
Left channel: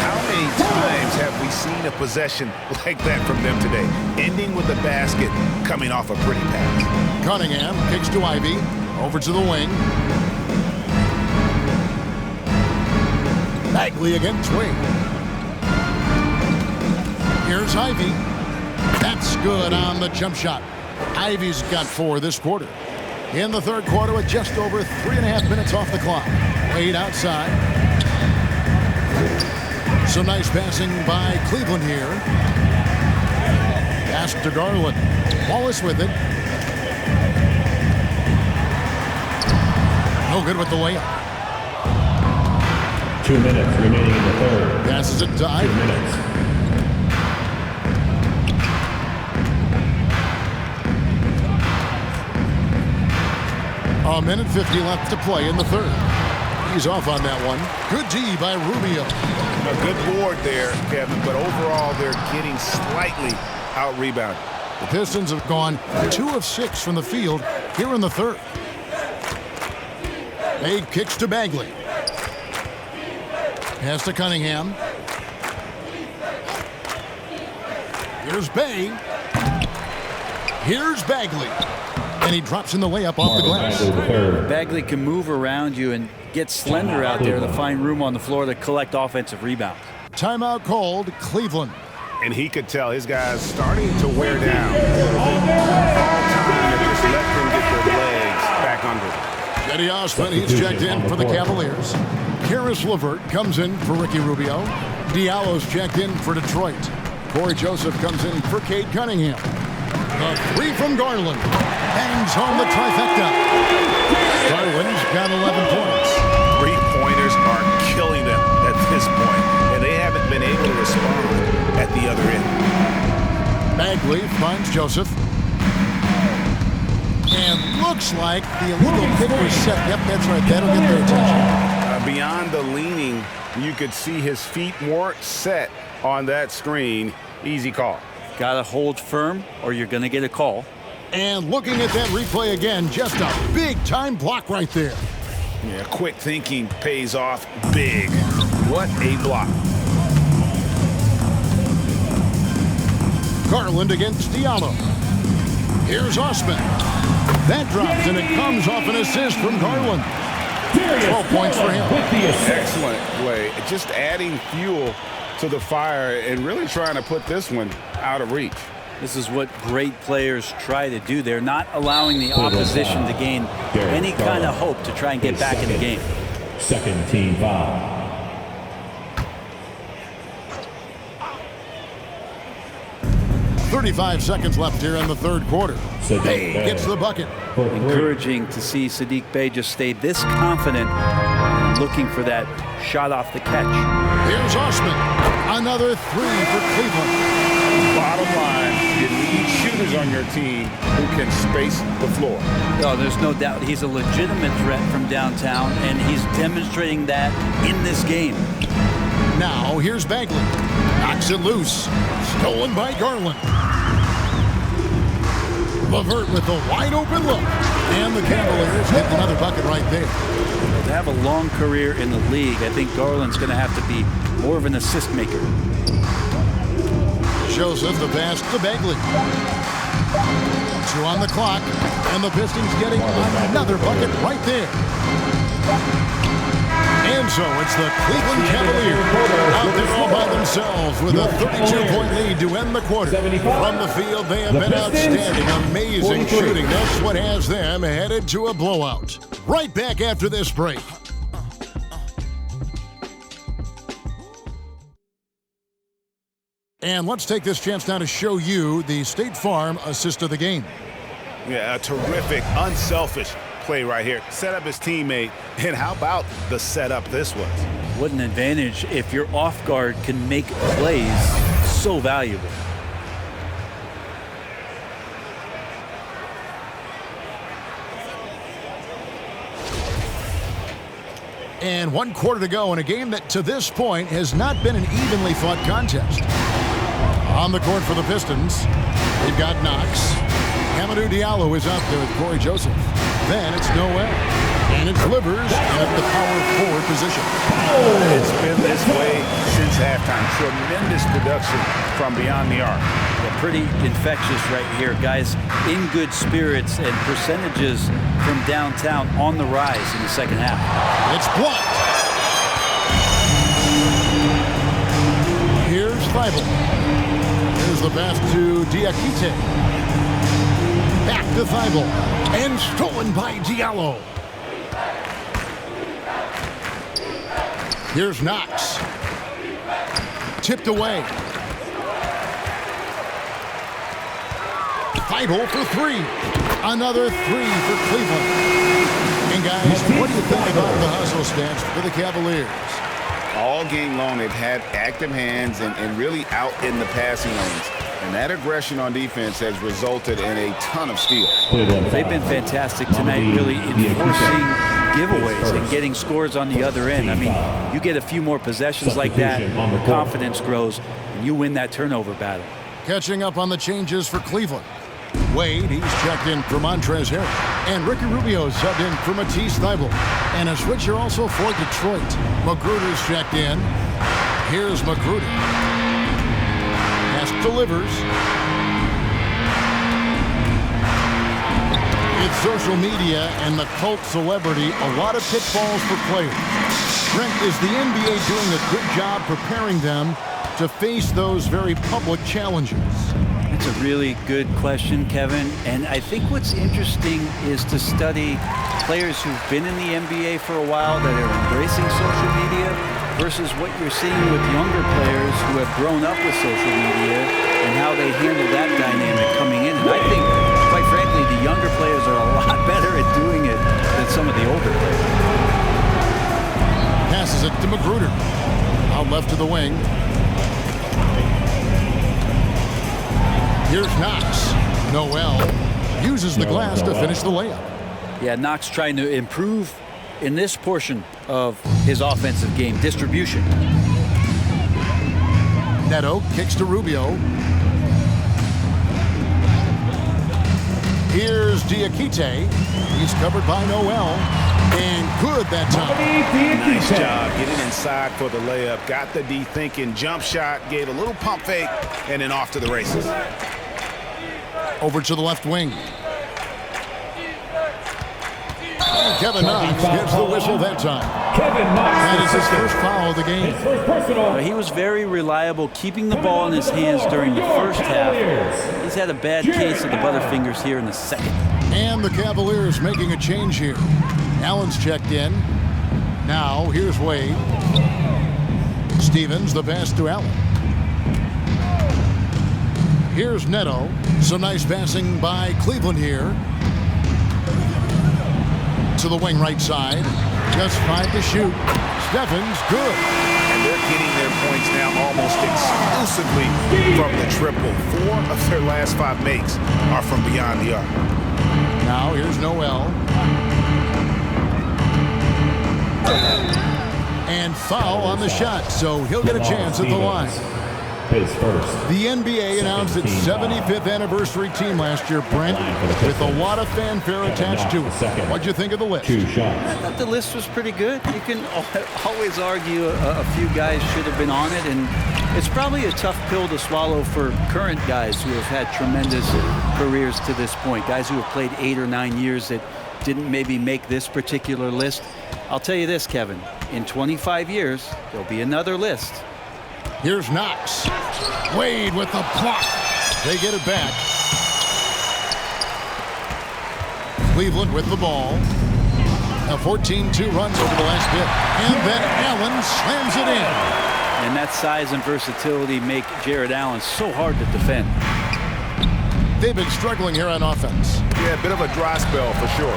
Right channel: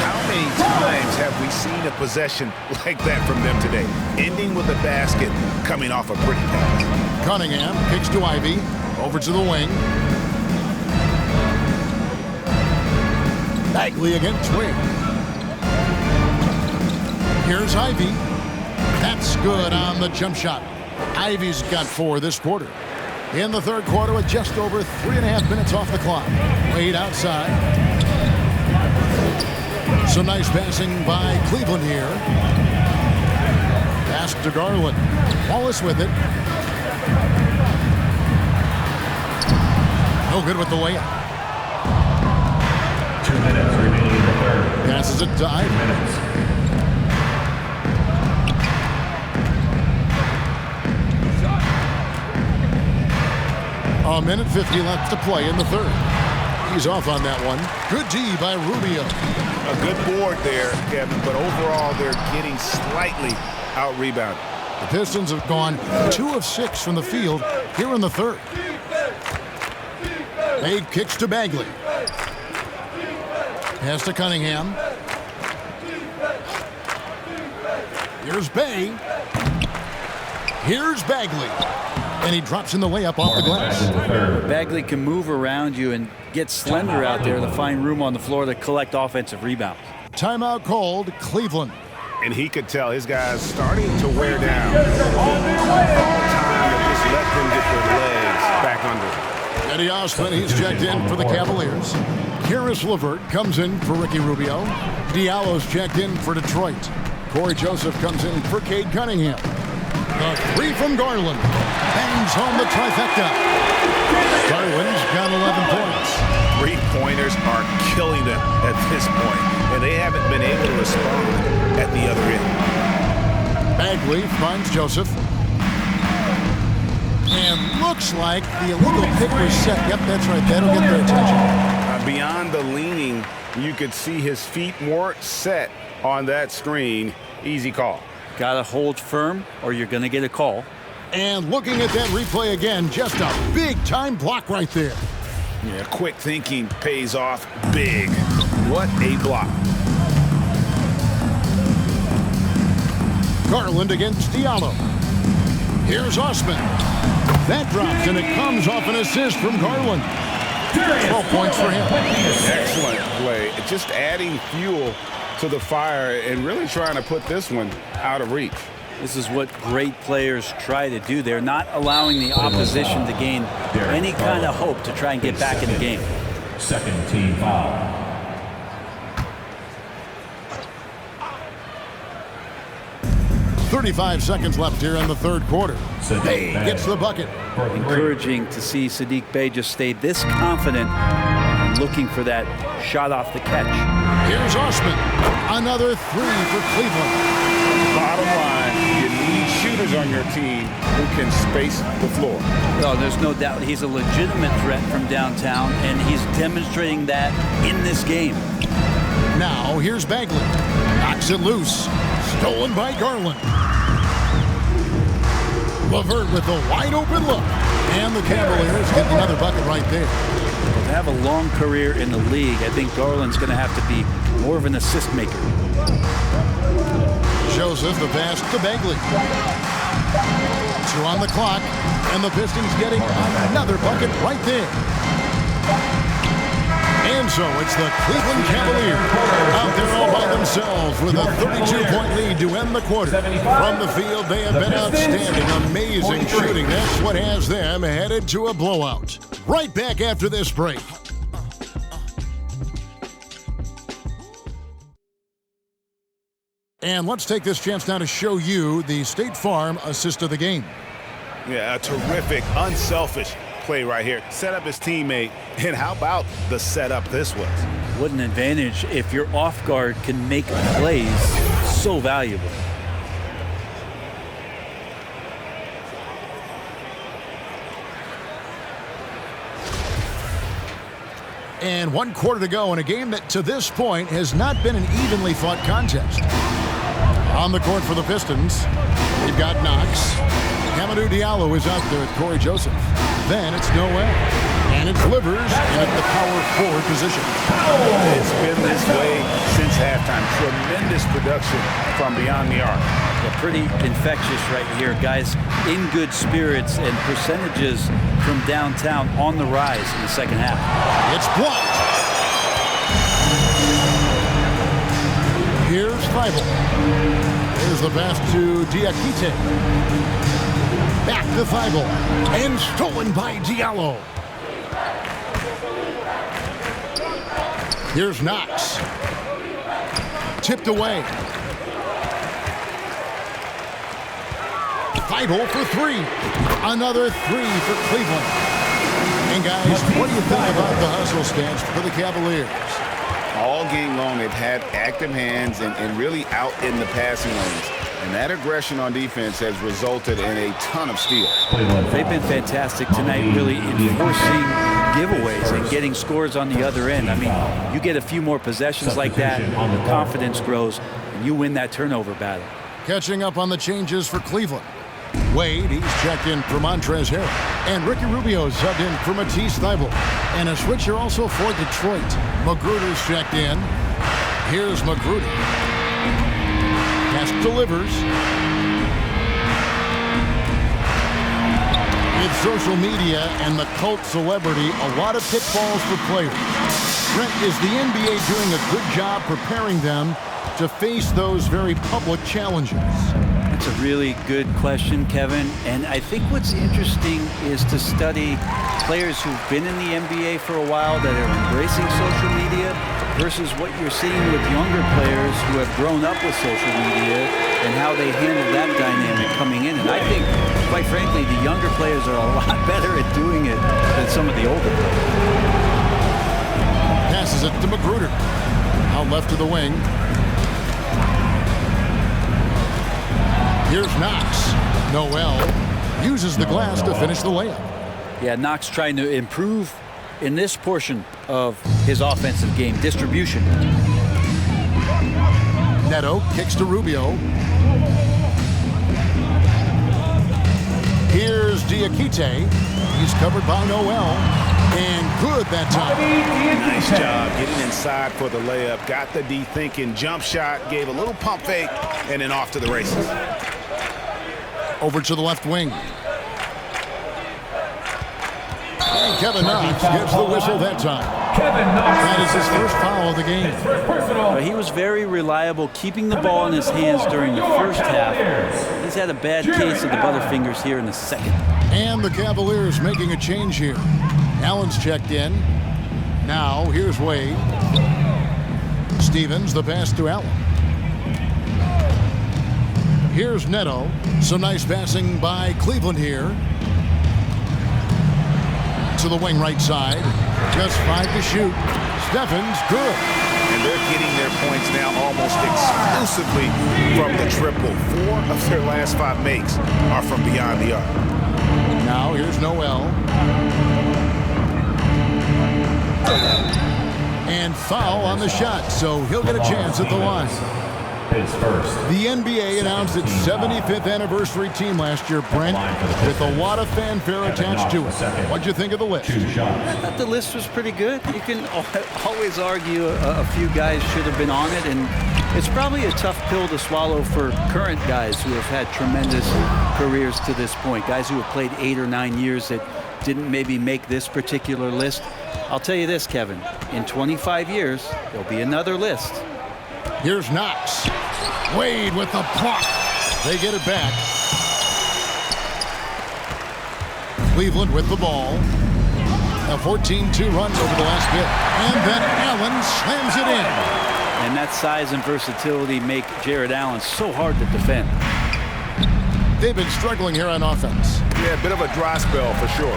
How many times have we seen a possession like that from them today? Ending with a basket, coming off a pretty pass. Cunningham kicks to Ivy. Over to the wing. Bagley against Wade. Here's Ivy. That's good on the jump shot. Ivy's got 4 this quarter. In the third quarter with just over 3.5 minutes off the clock. Wade outside. Some nice passing by Cleveland here. Pass to Garland. Wallace with it. No good with the layup. 2 minutes remaining in the third. Passes it to Ivy. 2 minutes. A minute 50 left to play in the third. He's off on that one. Good D by Rubio. A good board there, Kevin, but overall they're getting slightly out-rebounded. The Pistons have gone 2 of 6 from the field here in the third. Wade kicks to Bagley. Pass to Cunningham. Here's Bay. Here's Bagley. And he drops in the layup off the glass. Bagley can move around you and get slender out there to find room on the floor to collect offensive rebounds. Timeout called, Cleveland. And he could tell his guys starting to wear down a little bit. All time that just let them get their legs back under them. Jetty Osman, he's checked in for the Cavaliers. Karis LeVert comes in for Ricky Rubio. Diallo's checked in for Detroit. Corey Joseph comes in for Cade Cunningham. The three from Garland bangs home the trifecta. Garland's got 11 points. Three-pointers are killing them at this point, and they haven't been able to respond at the other end. Bagley finds Joseph. And looks like the illegal pick was set. Yep, that's right. That'll get their attention. Beyond the leaning, you could see his feet more set on that screen. Easy call. Got to hold firm or you're going to get a call. And looking at that replay again, just a big-time block right there. Yeah, quick thinking pays off big. What a block. Garland against Diallo. Here's Osman. That drops, and it comes off an assist from Garland. 12 points for him. Excellent play. Just adding fuel to the fire and really trying to put this one out of reach. This is what great players try to do. They're not allowing the opposition to gain any kind of hope to try and get back in the game. Second team foul. .35 seconds left here in the third quarter. Bey gets the bucket. Encouraging to see Saddiq Bey just stay this confident and looking for that shot off the catch. Here's Osman. Another three for Cleveland. Bottom line, you need shooters on your team who can space the floor. Oh, there's no doubt he's a legitimate threat from downtown, and he's demonstrating that in this game. Now here's Bagley. Knocks it loose. Stolen by Garland. LeVert with a wide open look. And the Cavaliers get another bucket right there. Well, to have a long career in the league, I think Garland's going to have to be more of an assist maker. Joseph the pass to Bagley. 2 on the clock. And the Pistons getting another bucket right there. And so it's the Cleveland Cavaliers out there all by themselves with a 32-point lead to end the quarter. From the field, they have been outstanding, amazing shooting. That's what has them headed to a blowout. Right back after this break. And let's take this chance now to show you the State Farm assist of the game. Yeah, a terrific, unselfish play right here. Set up his teammate, and how about the setup this was? What an advantage if your off guard can make plays so valuable. And 1 quarter to go in a game that to this point has not been an evenly fought contest. On the court for the Pistons, we've got Knox. Hamidou Diallo is out there with Corey Joseph. Then it's Noel. And it's Livers in at the power forward position. It's been this way since halftime. Tremendous production from beyond the arc. Yeah, pretty infectious right here. Guys in good spirits and percentages from downtown on the rise in the second half. It's blocked. Here's Thibault. Here's the pass to Diakite. Back to Thibault. And stolen by Diallo. Here's Knox. Tipped away. Thibault for three. Another three for Cleveland. And guys, what do you think about the hustle stats for the Cavaliers? All game long, they've had active hands and really out in the passing lanes. And that aggression on defense has resulted in a ton of steals. They've been fantastic tonight, really enforcing giveaways and getting scores on the other end. I mean, you get a few more possessions like that, the confidence grows, and you win that turnover battle. Catching up on the changes for Cleveland. Wade, he's checked in for Montrezl Harrell. And Ricky Rubio subbed in for Matisse Thybulle. And a switcher also for Detroit. Magruder's checked in. Here's Magruder. Pass delivers. With social media and the cult celebrity, a lot of pitfalls for players. Brent, is the NBA doing a good job preparing them to face those very public challenges? That's a really good question, Kevin. And I think what's interesting is to study players who've been in the NBA for a while that are embracing social media versus what you're seeing with younger players who have grown up with social media and how they handle that dynamic coming in. And I think, quite frankly, the younger players are a lot better at doing it than some of the older players. Passes it to Magruder. Out left to the wing. Here's Knox. Noel uses the glass to finish the layup. Yeah, Knox trying to improve in this portion of his offensive game, distribution. Neto kicks to Rubio. Here's Diakite. He's covered by Noel. And good that time. Nice job getting inside for the layup. Got the D thinking, jump shot, gave a little pump fake, and then off to the races. Over to the left wing. And Kevin Knox gets the whistle that time. That is his first foul of the game. He was very reliable, keeping the ball in his hands during the first half. He's had a bad case of the butterfingers here in the second. And the Cavaliers making a change here. Allen's checked in. Now here's Wade. Stevens, the pass to Allen. Here's Neto. Some nice passing by Cleveland here. To the wing right side. Just 5 to shoot. Stevens, good. And they're getting their points now almost exclusively from the triple. 4 of their last 5 makes are from beyond the arc. Now here's Noel. And foul on the shot, so he'll get a chance at the line. The NBA announced its 75th anniversary team last year, Brent, with a lot of fanfare attached to it. What'd you think of the list? I thought the list was pretty good. You can always argue a few guys should have been on it, and it's probably a tough pill to swallow for current guys who have had tremendous careers to this point, guys who have played 8 or 9 years that didn't maybe make this particular list. I'll tell you this, Kevin, in 25 years, there'll be another list. Here's Knox. Wade with the block. They get it back. Cleveland with the ball. A 14-2 run over the last bit. And then Allen slams it in. And that size and versatility make Jared Allen so hard to defend. They've been struggling here on offense. Yeah, a bit of a dry spell for sure.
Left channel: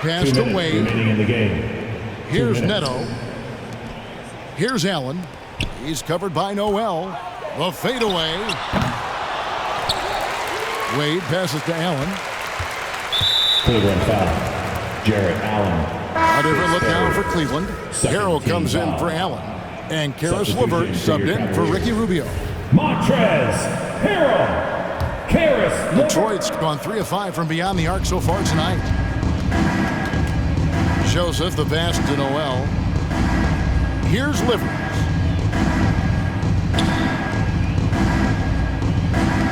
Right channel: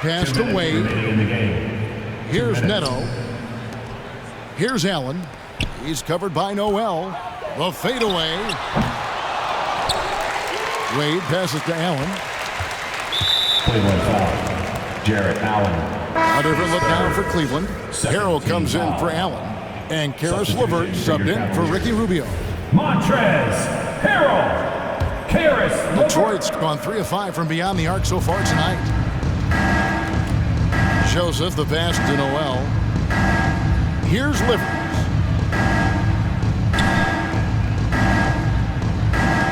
Pass to Wade. Here's Neto. Here's Allen. He's covered by Noel. The fadeaway. Wade passes to Allen. Cleveland foul. Jared Allen. A different look now for Cleveland. Harrell comes in for Allen. And Karis LeVert subbed in for Ricky Rubio. Montrez Harrell. Karis LeVert. Detroit's gone 3 of 5 from beyond the arc so far tonight. Joseph, the pass to Noel. Here's Livers.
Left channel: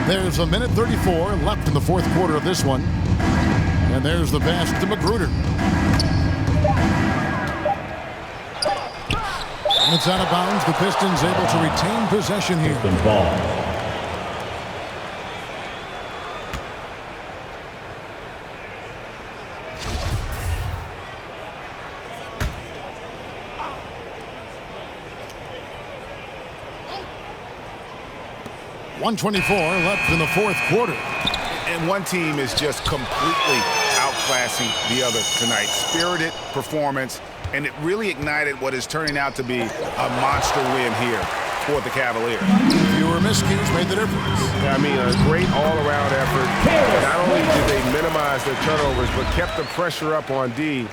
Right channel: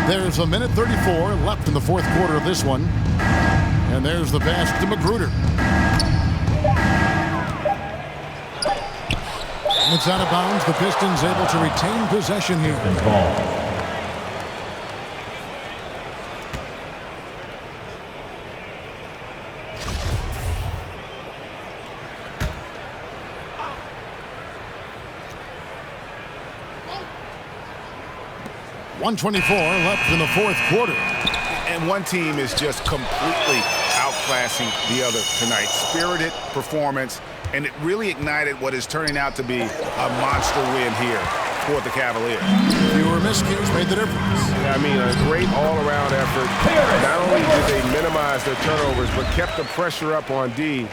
There's a minute 34 left in the fourth quarter of this one. And there's the pass to Magruder. It's out of bounds. The Pistons able to retain possession here. Ball. .124 left in the fourth quarter. And one team is just completely outclassing the other tonight. Spirited performance, and it really ignited what is turning out to be a monster win here for the Cavaliers. Fewer miscues made the difference. Yeah, I mean, a great all-around effort. Not only did they minimize their turnovers, but kept the pressure up on D,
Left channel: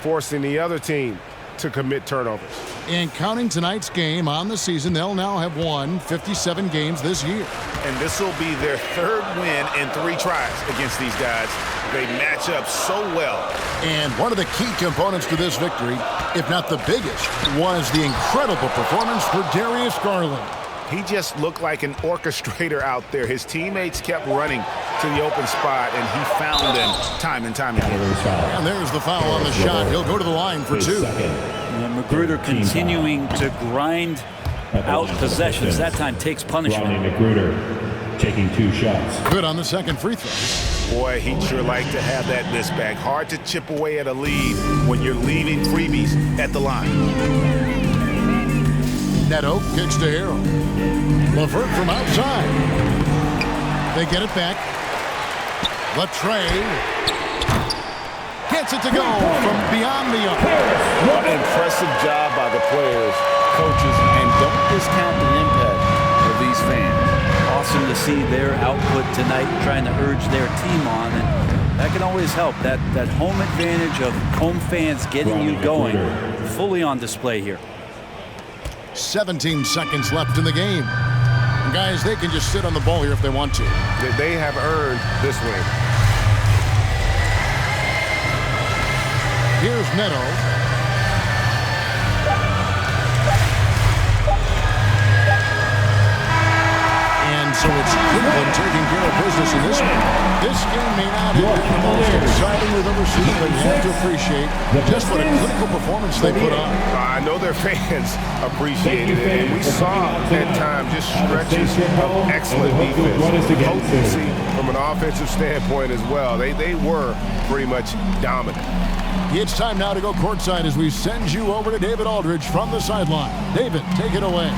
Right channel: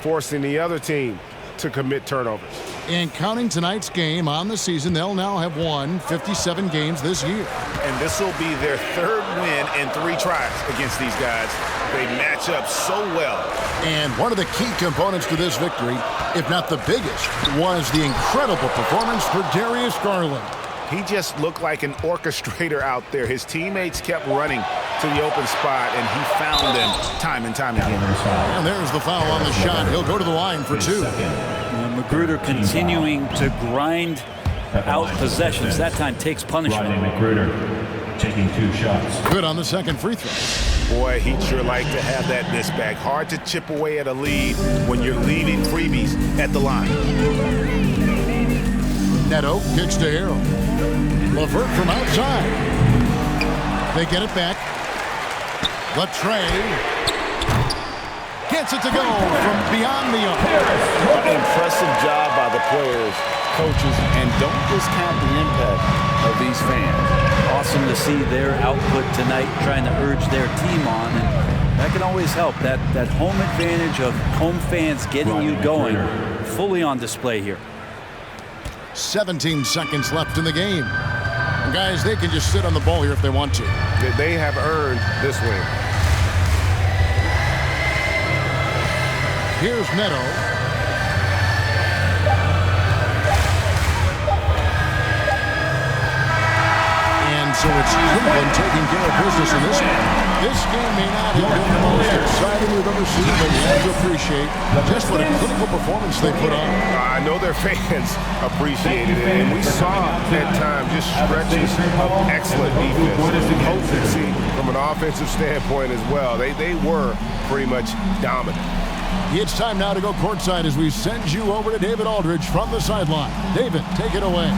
forcing the other team to commit turnovers. And counting tonight's game on the season, they'll now have won 57 games this year. And this will be their 3rd win in 3 tries against these guys. They match up so well. And one of the key components to this victory, if not the biggest, was the incredible performance for Darius Garland. He just looked like an orchestrator out there. His teammates kept running to the open spot, and he found them time and time again. And there's the foul on the shot. He'll go to the line for 2. Magruder continuing to grind out possessions. That time takes punishment. Rodney McGruder taking 2 shots. Good on the second free throw. Boy, he'd sure like to have that miss back. Hard to chip away at a lead when you're leaving freebies at the line. Neto kicks to Hero. LeVert from outside. They get it back. The trade. Gets it to go from beyond the arc. Impressive job by the players, coaches, and don't discount the impact of these fans. Awesome to see their output tonight, trying to urge their team on, and that can always help. That home advantage of home fans getting you going, fully on display here. 17 seconds left in the game. And guys, they can just sit on the ball here if they want to. They have earned this win. Here's Neto. And so it's Cleveland taking care of business in this one. This game may not have been the most exciting we've ever seen, but you have to appreciate just what a clinical performance they put on. I know their fans appreciated it, and we saw at times just stretches of excellent defense, potency from an offensive standpoint as well. They were pretty much dominant. It's time now to go courtside as we send you over to David Aldridge from the sideline. David, take it away.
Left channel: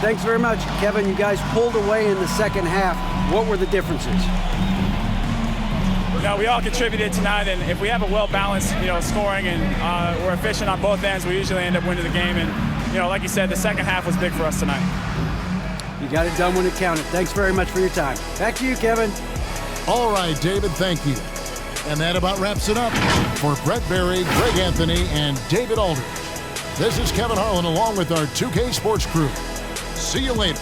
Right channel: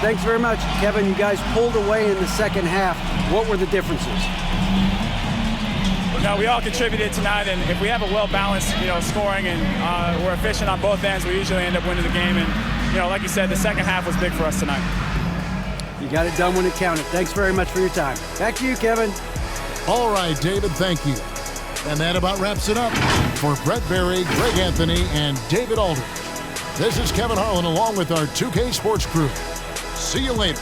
Thanks very much, Kevin. You guys pulled away in the second half. What were the differences? No, we all contributed tonight, and if we have a well-balanced, scoring and we're efficient on both ends, we usually end up winning the game. And, like you said, the second half was big for us tonight. You got it done when it counted. Thanks very much for your time. Back to you, Kevin. All right, David, thank you. And that about wraps it up for Brett Berry, Greg Anthony, and David Aldridge. This is Kevin Harlan along with our 2K Sports crew. See you later.